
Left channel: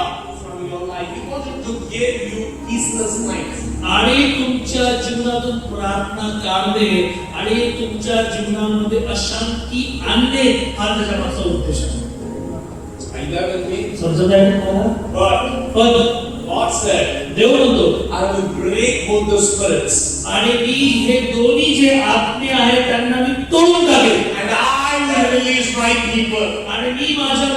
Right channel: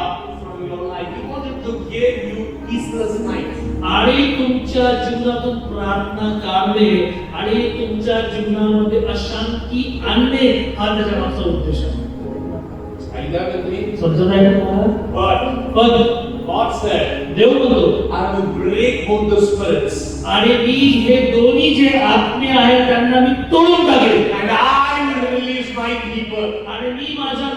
from your life. He wanted to give you peaceless nights. आणि तुमच्या जीवनातून प्रार्थना काढणे आणि तुमच्या जीवनामध्ये अशांती आणणे हा त्याच्या मागचा उद्देश आहे. Are you there with me? समजत आहे का तुम्हाला? पण God said, देव म्हणतो I will break both the spirits आणि मी हे दोन्ही जे आत्मे आहेत त्यांना मी तोडून टाकेन and I will release my people. आणि मी माझ्या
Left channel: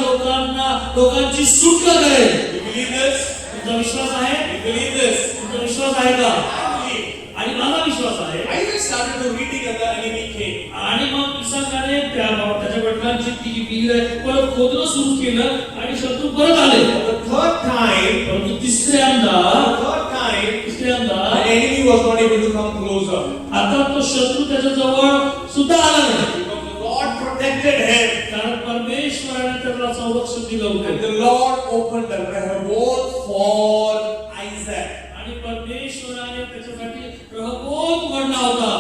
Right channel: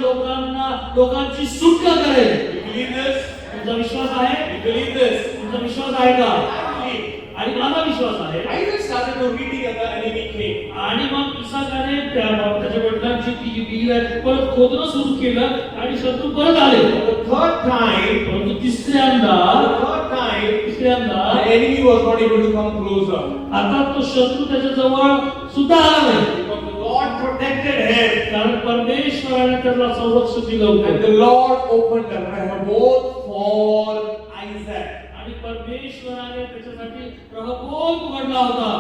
लोकांची सुटका करेन. You believe this? तुमचा विश्वास आहे? You believe this? तुमचा विश्वास आहे का? I believe. आणि मला विश्वास आहे. Isaac started to reading and the enemy came. आणि मग इसाकाने त्याच्या वडिलांची ती जी विहीर आहे परत खोदणं सुरू केलं आणि शत्रू परत आले. But the third time, परंतु तिसऱ्यांदा the enemy was not able to come closer. आता तो शत्रू त्याच्या जवळ सुद्धा आला नाही. Because the protected him. कारण परमेश्वराने त्याला संरक्षण दिलं And होतं the Lord opened the Rehoboth for Isaac. आणि परमेश्वराने त्याच्यासाठी प्रभोग उघडला होता.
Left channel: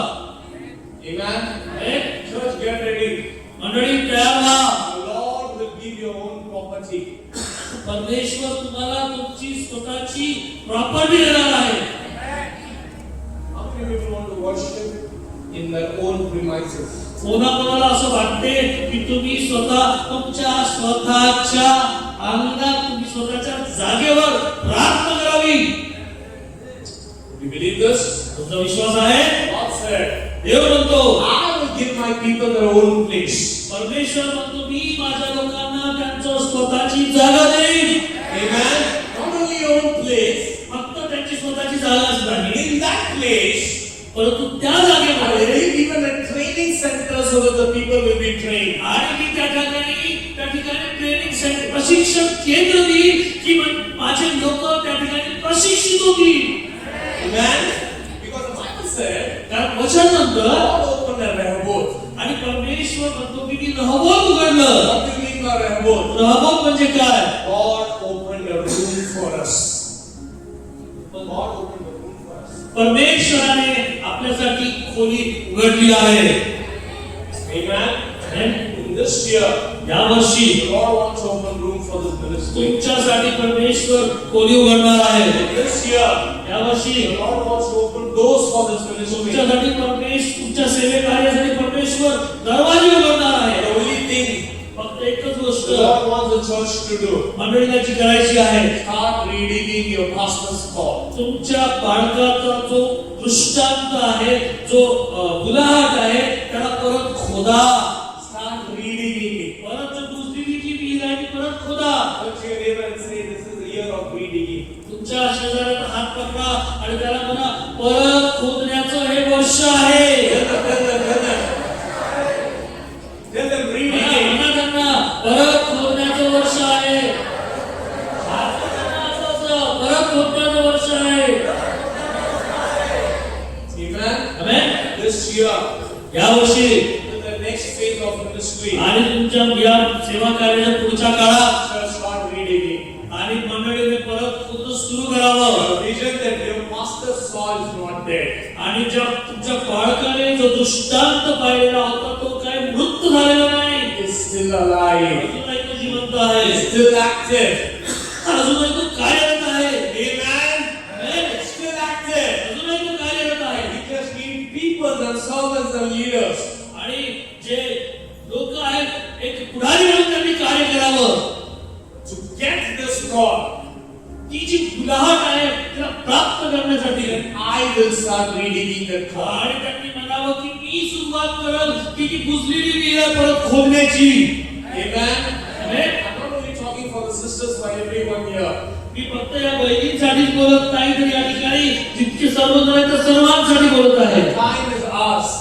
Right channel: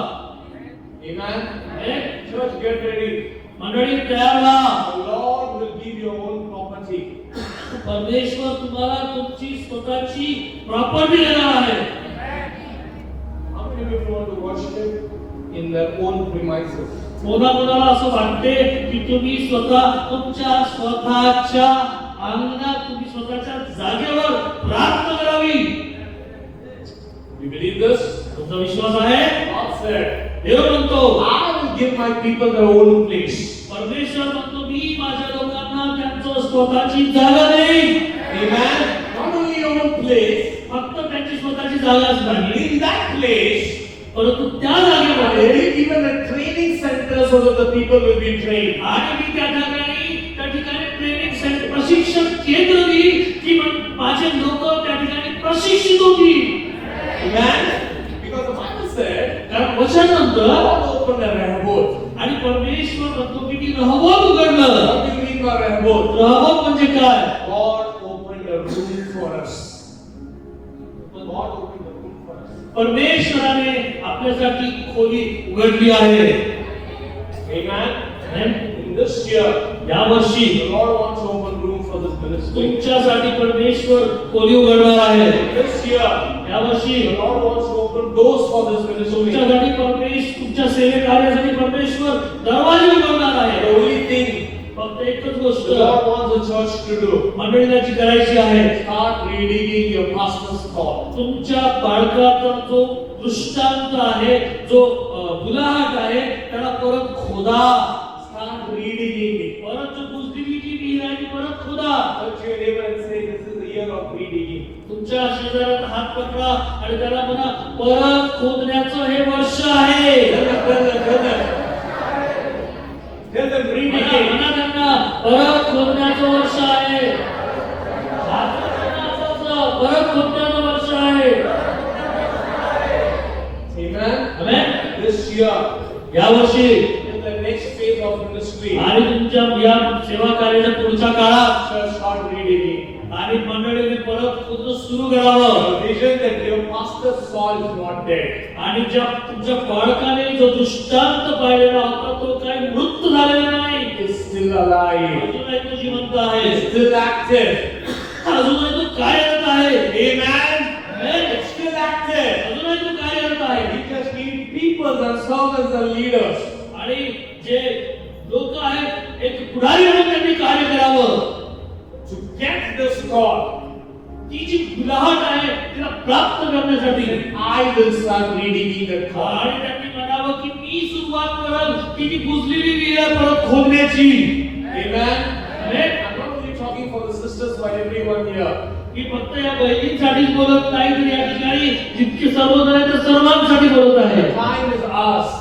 Amen. हे Church, get ready. मंडळी तयार व्हा. The Lord will give your own property. परमेश्वर तुम्हाला तुमची स्वतःची प्रॉपर्टी देणार आहे. How many of you want to worship in their own premises? कोणाकोणाला असं वाटते की तुम्ही स्वतः तुमच्या स्वतःच्या अंगात तुम्ही स्वतःच्या जागेवर प्रार्थना करावी. Do you believe this? तुमचा विश्वास आहे? God said, देव म्हणतो I will give my people their own place. परमेश्वर म्हणतो मी माझ्या लोकांना त्यांचं स्वतःची जागा देईन. Amen. Not only your own place, फक्त त्यांची स्वतःची जागाच नाही, in that place, परंतु त्या I जागेमध्ये will give even a training center so that the people will be trained. आणि मी त्या ठिकाणी ट्रेनिंग सेंटर प्रशिक्षण केंद्र देईन की माझे लोक त्या ठिकाणी प्रशिक्षित होतील. Amen. Because the Bible said, कारण वचन म्हणतं God opened a Rehoboth. आणि परमेश्वर म्हणतो की मी रहबोत उघडलं. What do you mean by Rehoboth? रहबोत म्हणजे काय? God opened a room for us. God opened a room for us. परमेश्वराने आपल्यासाठी खोली उघडली आहे. Amen. In this year, या वर्षी the Lord wants to open room for this ministry. तुमच्यासाठी परमेश्वर खोली उघडणार आहे. In this year, या वर्षी the Lord wants to open doors for this ministry. तुमच्यासाठी तुमच्या सेवे कार्यासाठी परमेश्वर दरवाजे उघडणार आहे. The only thing फक्त एकच गोष्ट the Lord wants the church to do, मंडळीला जी करायची आहे, start reading your pastor's call. तुमच्या बाळकाचा जो दृष्टांत आहे, जो गुलाट आहे, त्याला परत खोदा. Start reading it. परत जो बुजलेली जी विहीर आहे ती परत खोदा. Touch your neighbor and say, this is the year of reading. तुमच्या शेजाऱ्याला हात पकडा आणि त्याला म्हणा परत खोदण्याचं हे वर्ष आहे. Tell them reading म्हणा it. म्हणा त्यांना परत खोदण्याचं वर्ष आहे. हात पकडा असं, परत खोदण्याचं वर्ष आहे. Amen. आमेन. This year, या वर्षी in the next phase of ministry, आणि तुमच्या या सेवा कार्याच्या पुढच्या काळात church start reading it. आणि मंडळीने परत खोदणं सुरू करावं. A vision that your pastor's soul is not dead. आणि ज्या तुमच्या बाळकाने जो दृष्टांत पाहिलेला होता तो काही मृत झालेला नाही, It's still alive. अजूनही तो जिवंत आहे, It's still active. अजूनही तो कार्यरत आहे. Amen. Amen. It's still active. अजूनही तो कार्यरत आहे. We just need people that serve as the leaders. आणि जे लोक आहेत एक पुढारी म्हणून त्यांनी कार्य करावं. To get this call, ती जी गुलाहट आहे तिला प्राप्त करण्यासाठी I will start reading the call. आणि त्यांनी म्हणावं की मी सुरुवात करल की ती बुजलेली विहीर परत खोदण्याची. Amen. Amen. I'm not only talking for the sisters, but everyone here. मी फक्त या बहिणींसाठीच बोलत नाही तर या ठिकाणी जितके सर्वजण आहेत त्या सर्वांसाठी बोलत आहे. Time is ours.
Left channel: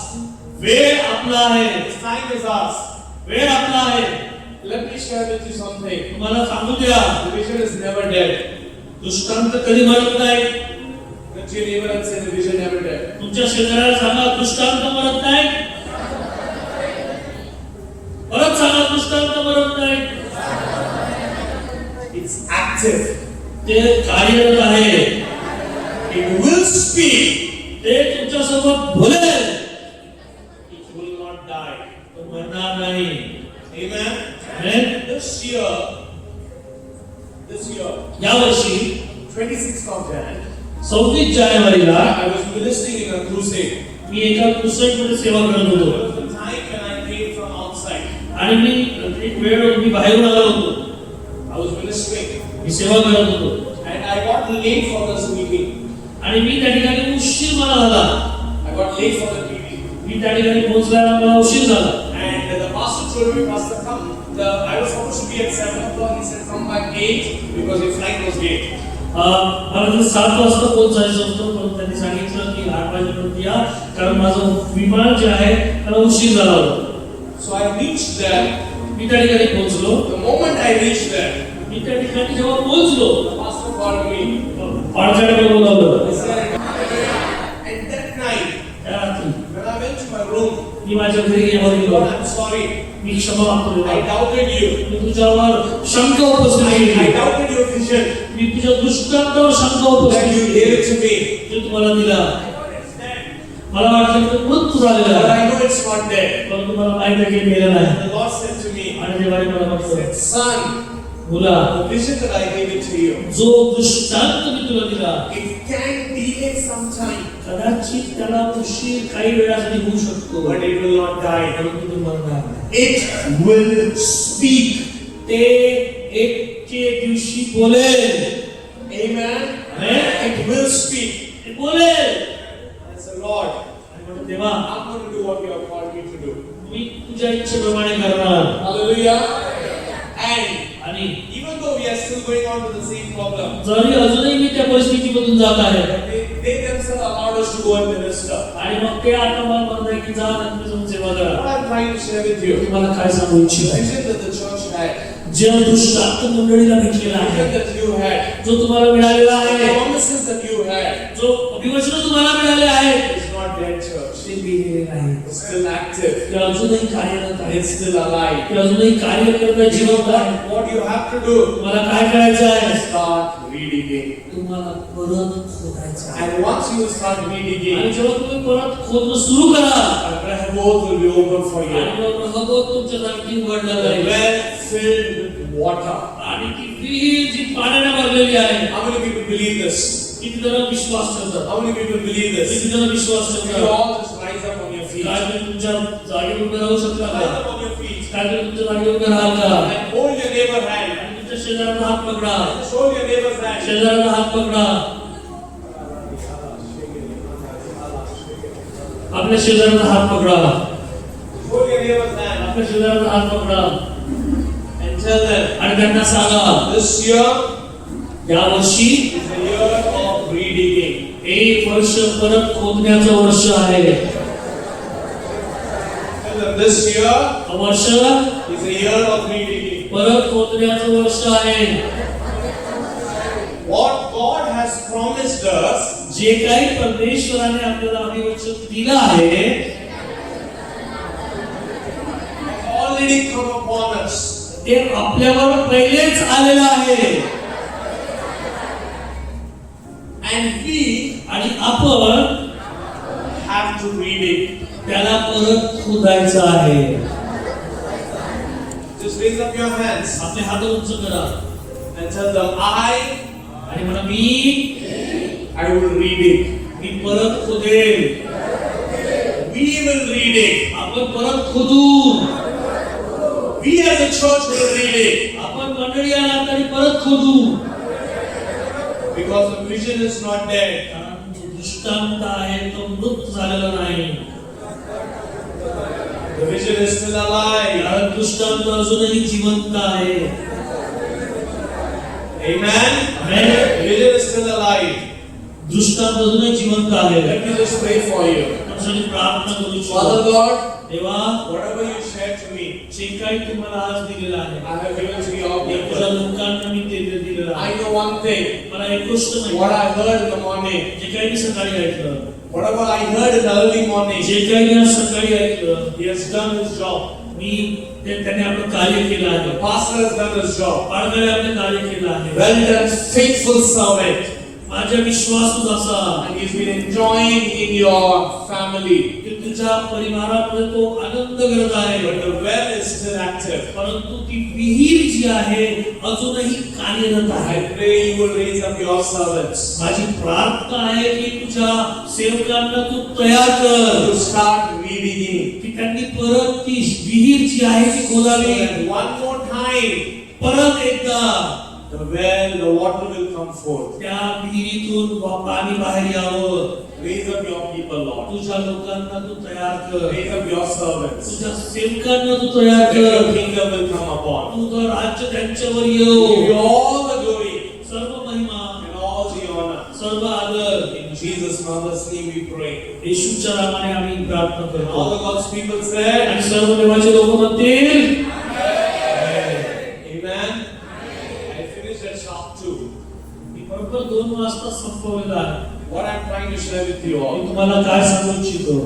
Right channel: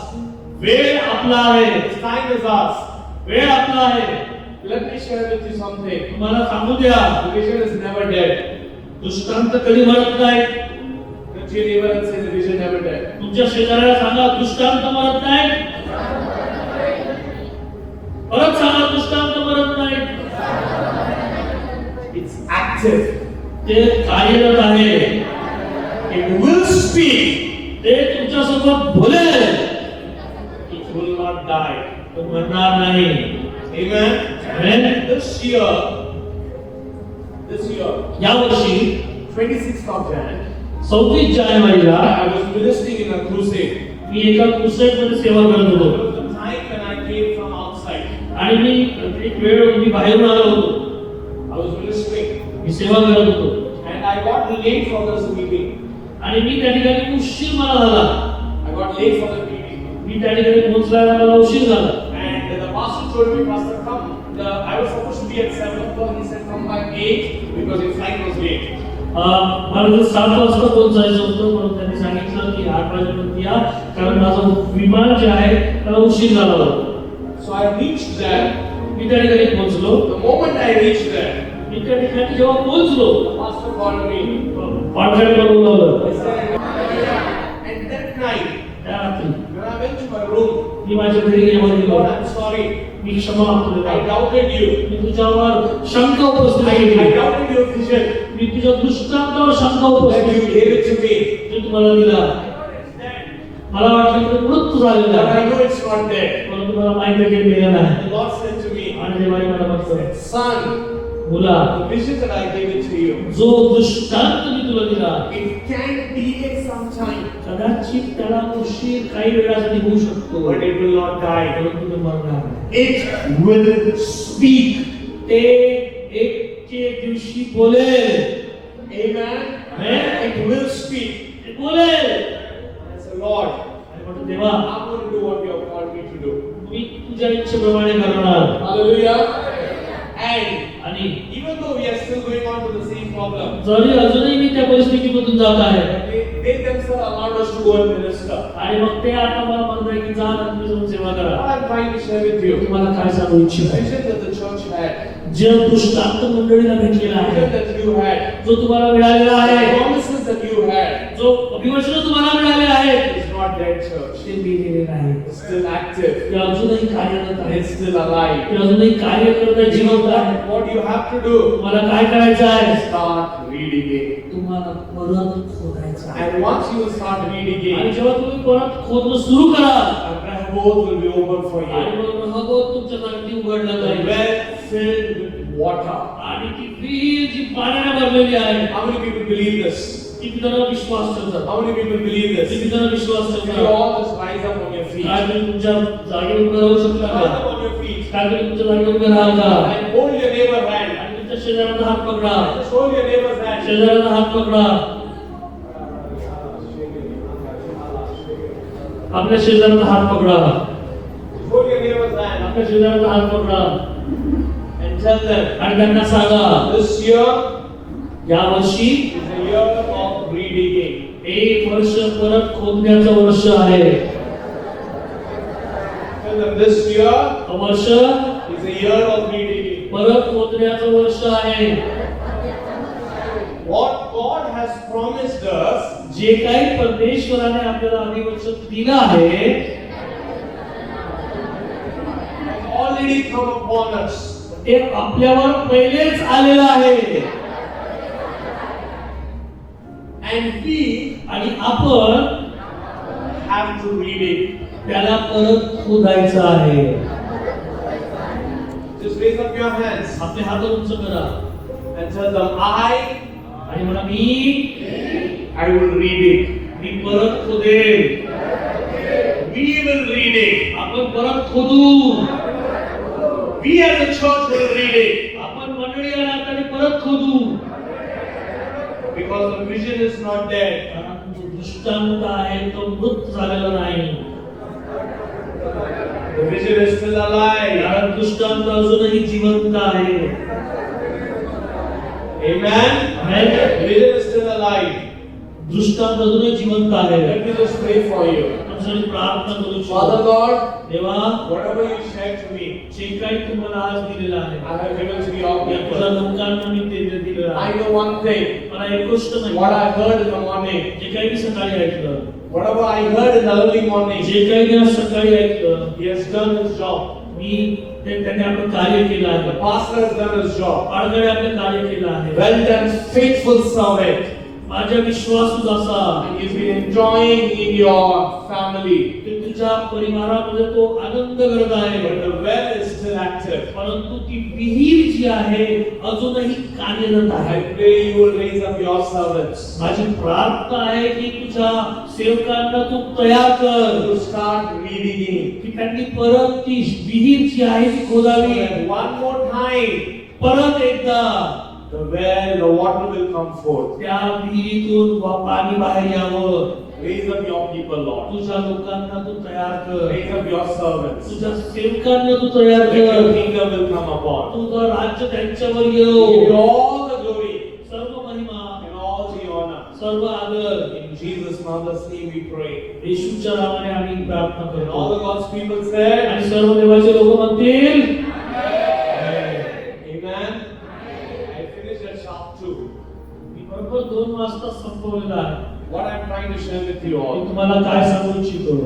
वेळ आपला आहे. Time is ours. वेळ आपला आहे. Let me share with you something. मला सांगू द्या, The vision is never dead. दृष्टांत कधी मरत नाही. Touch your neighbor and say the vision never dead. तुमच्या शेजाऱ्याला सांगा दृष्टांत मरत नाही. परत सांगा दृष्टांत मरत नाही. It's active. ते कार्यरत आहे. It will speak. ते तुमच्यासोबत बोलेल. It will not die. तो मरणार नाही. Amen. आमेन. This year, या वर्षी 26th of January, 26 जानेवारीला I was ministering in a crusade. मी एका क्रुसेडमध्ये सेवा करत There होतो. was a time when I came from outside. आणि मी एक वेळ मी बाहेरून आलो होतो. I was ministering मी सेवा करत होतो and I got late for this meeting. आणि मी त्या ठिकाणी उशीर मला झाला. I got late for the meeting. मी त्या ठिकाणी पोहोचल्यावर मला उशीर झाला. And the pastor told me, Pastor, come. I was supposed to be at 7 o'clock. He said, come by 8 because your flight was late. मला जर 7 वाजता पोहोचायचं होतं पण त्यांनी सांगितलं की 8 वाजेपर्यंत या कारण माझं विमान जे आहे त्याला उशीर झाला होता. So I reached there. मी त्या ठिकाणी पोहोचलो. The moment I reached there, मी त्या ठिकाणी जेव्हा पोहोचलो the pastor called me. पाडसाळ्याला बोलावलं. I said, and that night, त्या रात्री when I went to my room, मी माझ्या घरी गेलो. Lord, I'm sorry. मी क्षमा मागतो I देवा. doubted you. मी तुझ्यावर शंका उपस्थित I केली. doubted your vision मी तुझ्या दृष्टांतावर शंका that उपस्थित you केली. gave it to me. जे तुम्हाला दिला. मला वाटलं की मृत्यू झालेला But आहे. I know it's not dead. परंतु मला माहिती आहे की मेला नाही. The Lord said to me, आणि देवाने मला म्हटलं, son, मुला, the vision that I gave it to you, जो दृष्टांत मी तुला दिला, it can delay some time, कदाचित त्याला उशीर काही वेळासाठी होऊ शकतो, but it will not die. परंतु ते मरणार नाही. It will speak. ते एकचे दिवशी बोलेल. Amen. It will speak. ते बोलेल. And say, Lord, आणि म्हणतो, देवा, I'm going to do what you have called me to do. मी तुझ्या इच्छेप्रमाणे करणार. Hallelujah. And आणि even though we are still going on with the same problem, जरी अजूनही मी त्या परिस्थितीमधून जात आहे, they themselves allowed us to go and minister. आणि मग ते आता मला म्हणताय की जा आणि तुम्ही जाऊन सेवा करा. What I'm trying to share with you, तुम्हाला काय सांगू इच्छित the आहे? vision that the church had, जे दृष्टांत मंडळीला भेटलेला the आहे, vision that you had, जो तुम्हाला मिळालेला the आहे, promises that you had, जो अभिवचन तुम्हाला मिळाले आहे, is not dead, church. ते गेलेले नाही. It's still active. ते अजूनही कार्यरत आहे. It's still alive. ते अजूनही कार्य करत आहे, You know जिवंत आहे. what you have to do? तुम्हाला काय करायचं आहे? Start reading it. तुम्हाला परत खोदायचं आहे. And once you start reading आणि it, जेव्हा तुम्ही परत खोदणं सुरू कराल, Rehoboth will be open for आणि you. मग रहोबोत तुमच्यासाठी उघडला The जाईल. well filled with water. आणि ती विहीर जी पाण्याने भरलेली आहे, How many people believe this? किती जण विश्वास ठेवतात? How many people believe this? किती जण विश्वास You ठेवतात? all just rise up on your feet. काय तुम्ही तुमच्या जागेवर उभे राहू शकता Rise का? up on your feet. काय तुम्ही तुमच्या जागेवर उभे राहाल का? And hold your neighbor's hand. आणि तुमच्या शेजाऱ्याचा हात पकडा. Show your neighbor's hand. शेजाऱ्याचा हात पकडा. आपल्या शेजाऱ्याचा हात पकडा. Hold your neighbor's hand. आपल्या शेजाऱ्याचा हात पकडा. And tell them, आणि त्यांना सांगा, this year या वर्षी is the year of redigging. एक वर्ष परत खोदण्याचं वर्ष आहे. Tell them, this year वर्ष is the year of redigging. परत खोदण्याचं वर्ष आहे. What God has promised us जे काही परमेश्वराने आपल्याला अभिवचन दिलं आहे, has already come upon us. ते आपल्यावर पहिलेच आलेलं आहे. And we आणि आपण have to read it. त्याला परत खोदायचं आहे. Just raise up your hands आपले हात उंच करा and tell them, आणि म्हणा, मी I will read it. मी परत खोदेल. We will read it. आपण परत खोदू. We as a church will read it. आपण मंडळी या नात्याने परत खोदू. Because the vision is not dead. कारण जो दृष्टांत आहे तो मृत झालेला नाही. The vision is still alive. कारण दृष्टांत अजूनही जिवंत आहे. Amen. Amen. The vision is still alive. दृष्टांत अजूनही जिवंत आहे. Let me just pray for you. तुमच्यासाठी प्रार्थना करू Father इच्छितो. God, देवा, whatever you shared to me, जे काही तुम्हाला आज दिलेलं आहे, I have given to your तुझ्या people. लोकांना मी ते दिलेलं I आहे. know one thing. मला एक गोष्ट What माहिती I आहे. heard in the morning, जे काही मी सकाळी ऐकलं, whatever I heard in the early morning, जे काही मी सकाळी ऐकलं, he has done his job. मी त्याने आपलं कार्य केलं आहे. The pastor has done his job. पालकाने आपलं कार्य केलं आहे. Well done, faithful servant. माझ्या विश्वासू असा And he's been enjoying in your family. की तुझ्या परिवारामध्ये तो आनंद करत आहे. But the well is still active. परंतु ती विहीर जी आहे अजूनही कार्यरत I आहे. pray you will raise up your servants माझी प्रार्थना आहे की तुझ्या सेवकांना तू तयार कर, to start reading it. की त्यांनी परत ती विहीर जी आहे ती So खोदावी. that one more time, परत एकदा the well, the water will come forth. त्या विहिरीतून पाणी बाहेर यावं. Raise up your people, Lord. तुझ्या लोकांना तू तयार कर. Raise up your servants. तुझ्या सेवकांना तू तयार That your कर. kingdom will come upon. तुझं राज्य त्यांच्यावर Give येऊ. you all the glory सर्व महिमा, and all the honor. सर्व आदर In Jesus' marvelous name we pray. येशूच्या नावाने आम्ही प्रार्थना And करतो. all the God's people said, आणि सर्व देवाचे लोक म्हणतील, Amen. I finished at sharp 2. मी बरोबर 2 वाजता संपवलेला आहे. What I'm trying to share with you me all, तुम्हाला काय सांगू इच्छितो,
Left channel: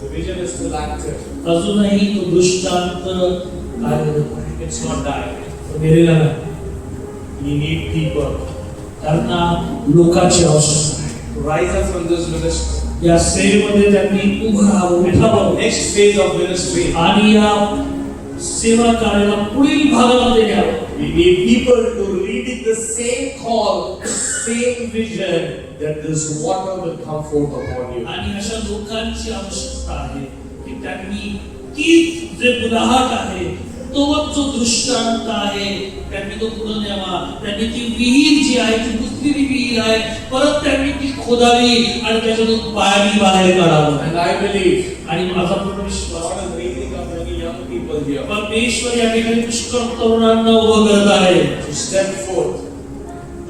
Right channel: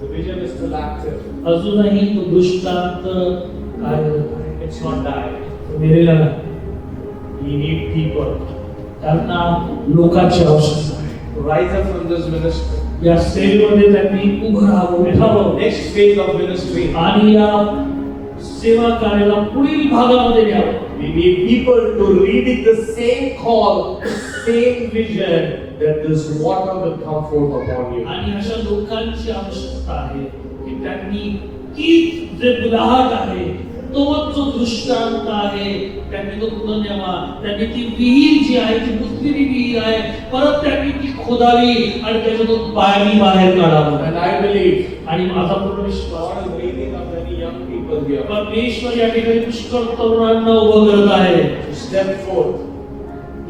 the vision is still active. अजूनही तो दृष्टांत कार्यरत आहे. It's not died. तो मेलेला नाही. We need people त्यांना लोकांची आवश्यकता आहे. to rise up from this ministry. या सेवेमध्ये त्यांनी उभं राहावं, उठावं Next phase of ministry. आणि या सेवा कार्याला पुढील भागामध्ये न्यावं. We need people to read it the same call, same vision that this water will come forth upon you. आणि अशा लोकांची आवश्यकता आहे की त्यांनी ती जे बुलाहट आहे, तो जो दृष्टांत आहे, त्यांनी तो पुढे न्यावा. त्यांनी ती विहीर जी आहे, ती बुजलेली विहीर आहे, परत त्यांनी ती खोदावी आणि त्याच्यातून पाणी बाहेर काढावं. And I believe आणि माझा पूर्ण विश्वास God is raising up many young people here परमेश्वर या ठिकाणी पुष्कळ तरुणांना उभं करत आहे. to step forth,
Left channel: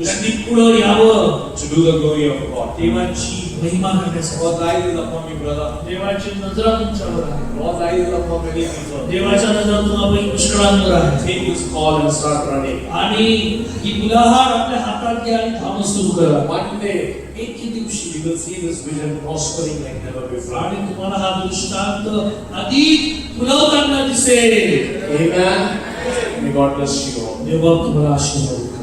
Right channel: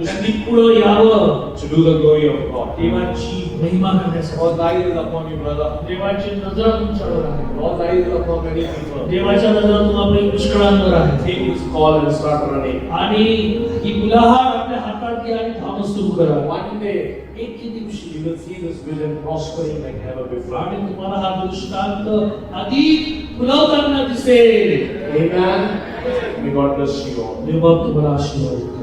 त्यांनी पुढे यावं, to do the glory of God. देवाची महिमा करण्यासाठी. God's eyes is upon you, brother. देवाची नजर तुमच्यावर आहे. God's eyes is upon many people. देवाच्या नजर तुम्हाला पुष्कळांवर आहे. Take his call and start running. आणि ही मुलाहार आपल्या हातात घ्या आणि धावणं सुरू करा. One day, एक दिवशी you will see this vision prospering like never before. आणि तुम्हाला हा दृष्टांत अधिक फुलवताना दिसेल. Amen. May God bless you all. देव तुम्हाला आशीर्वाद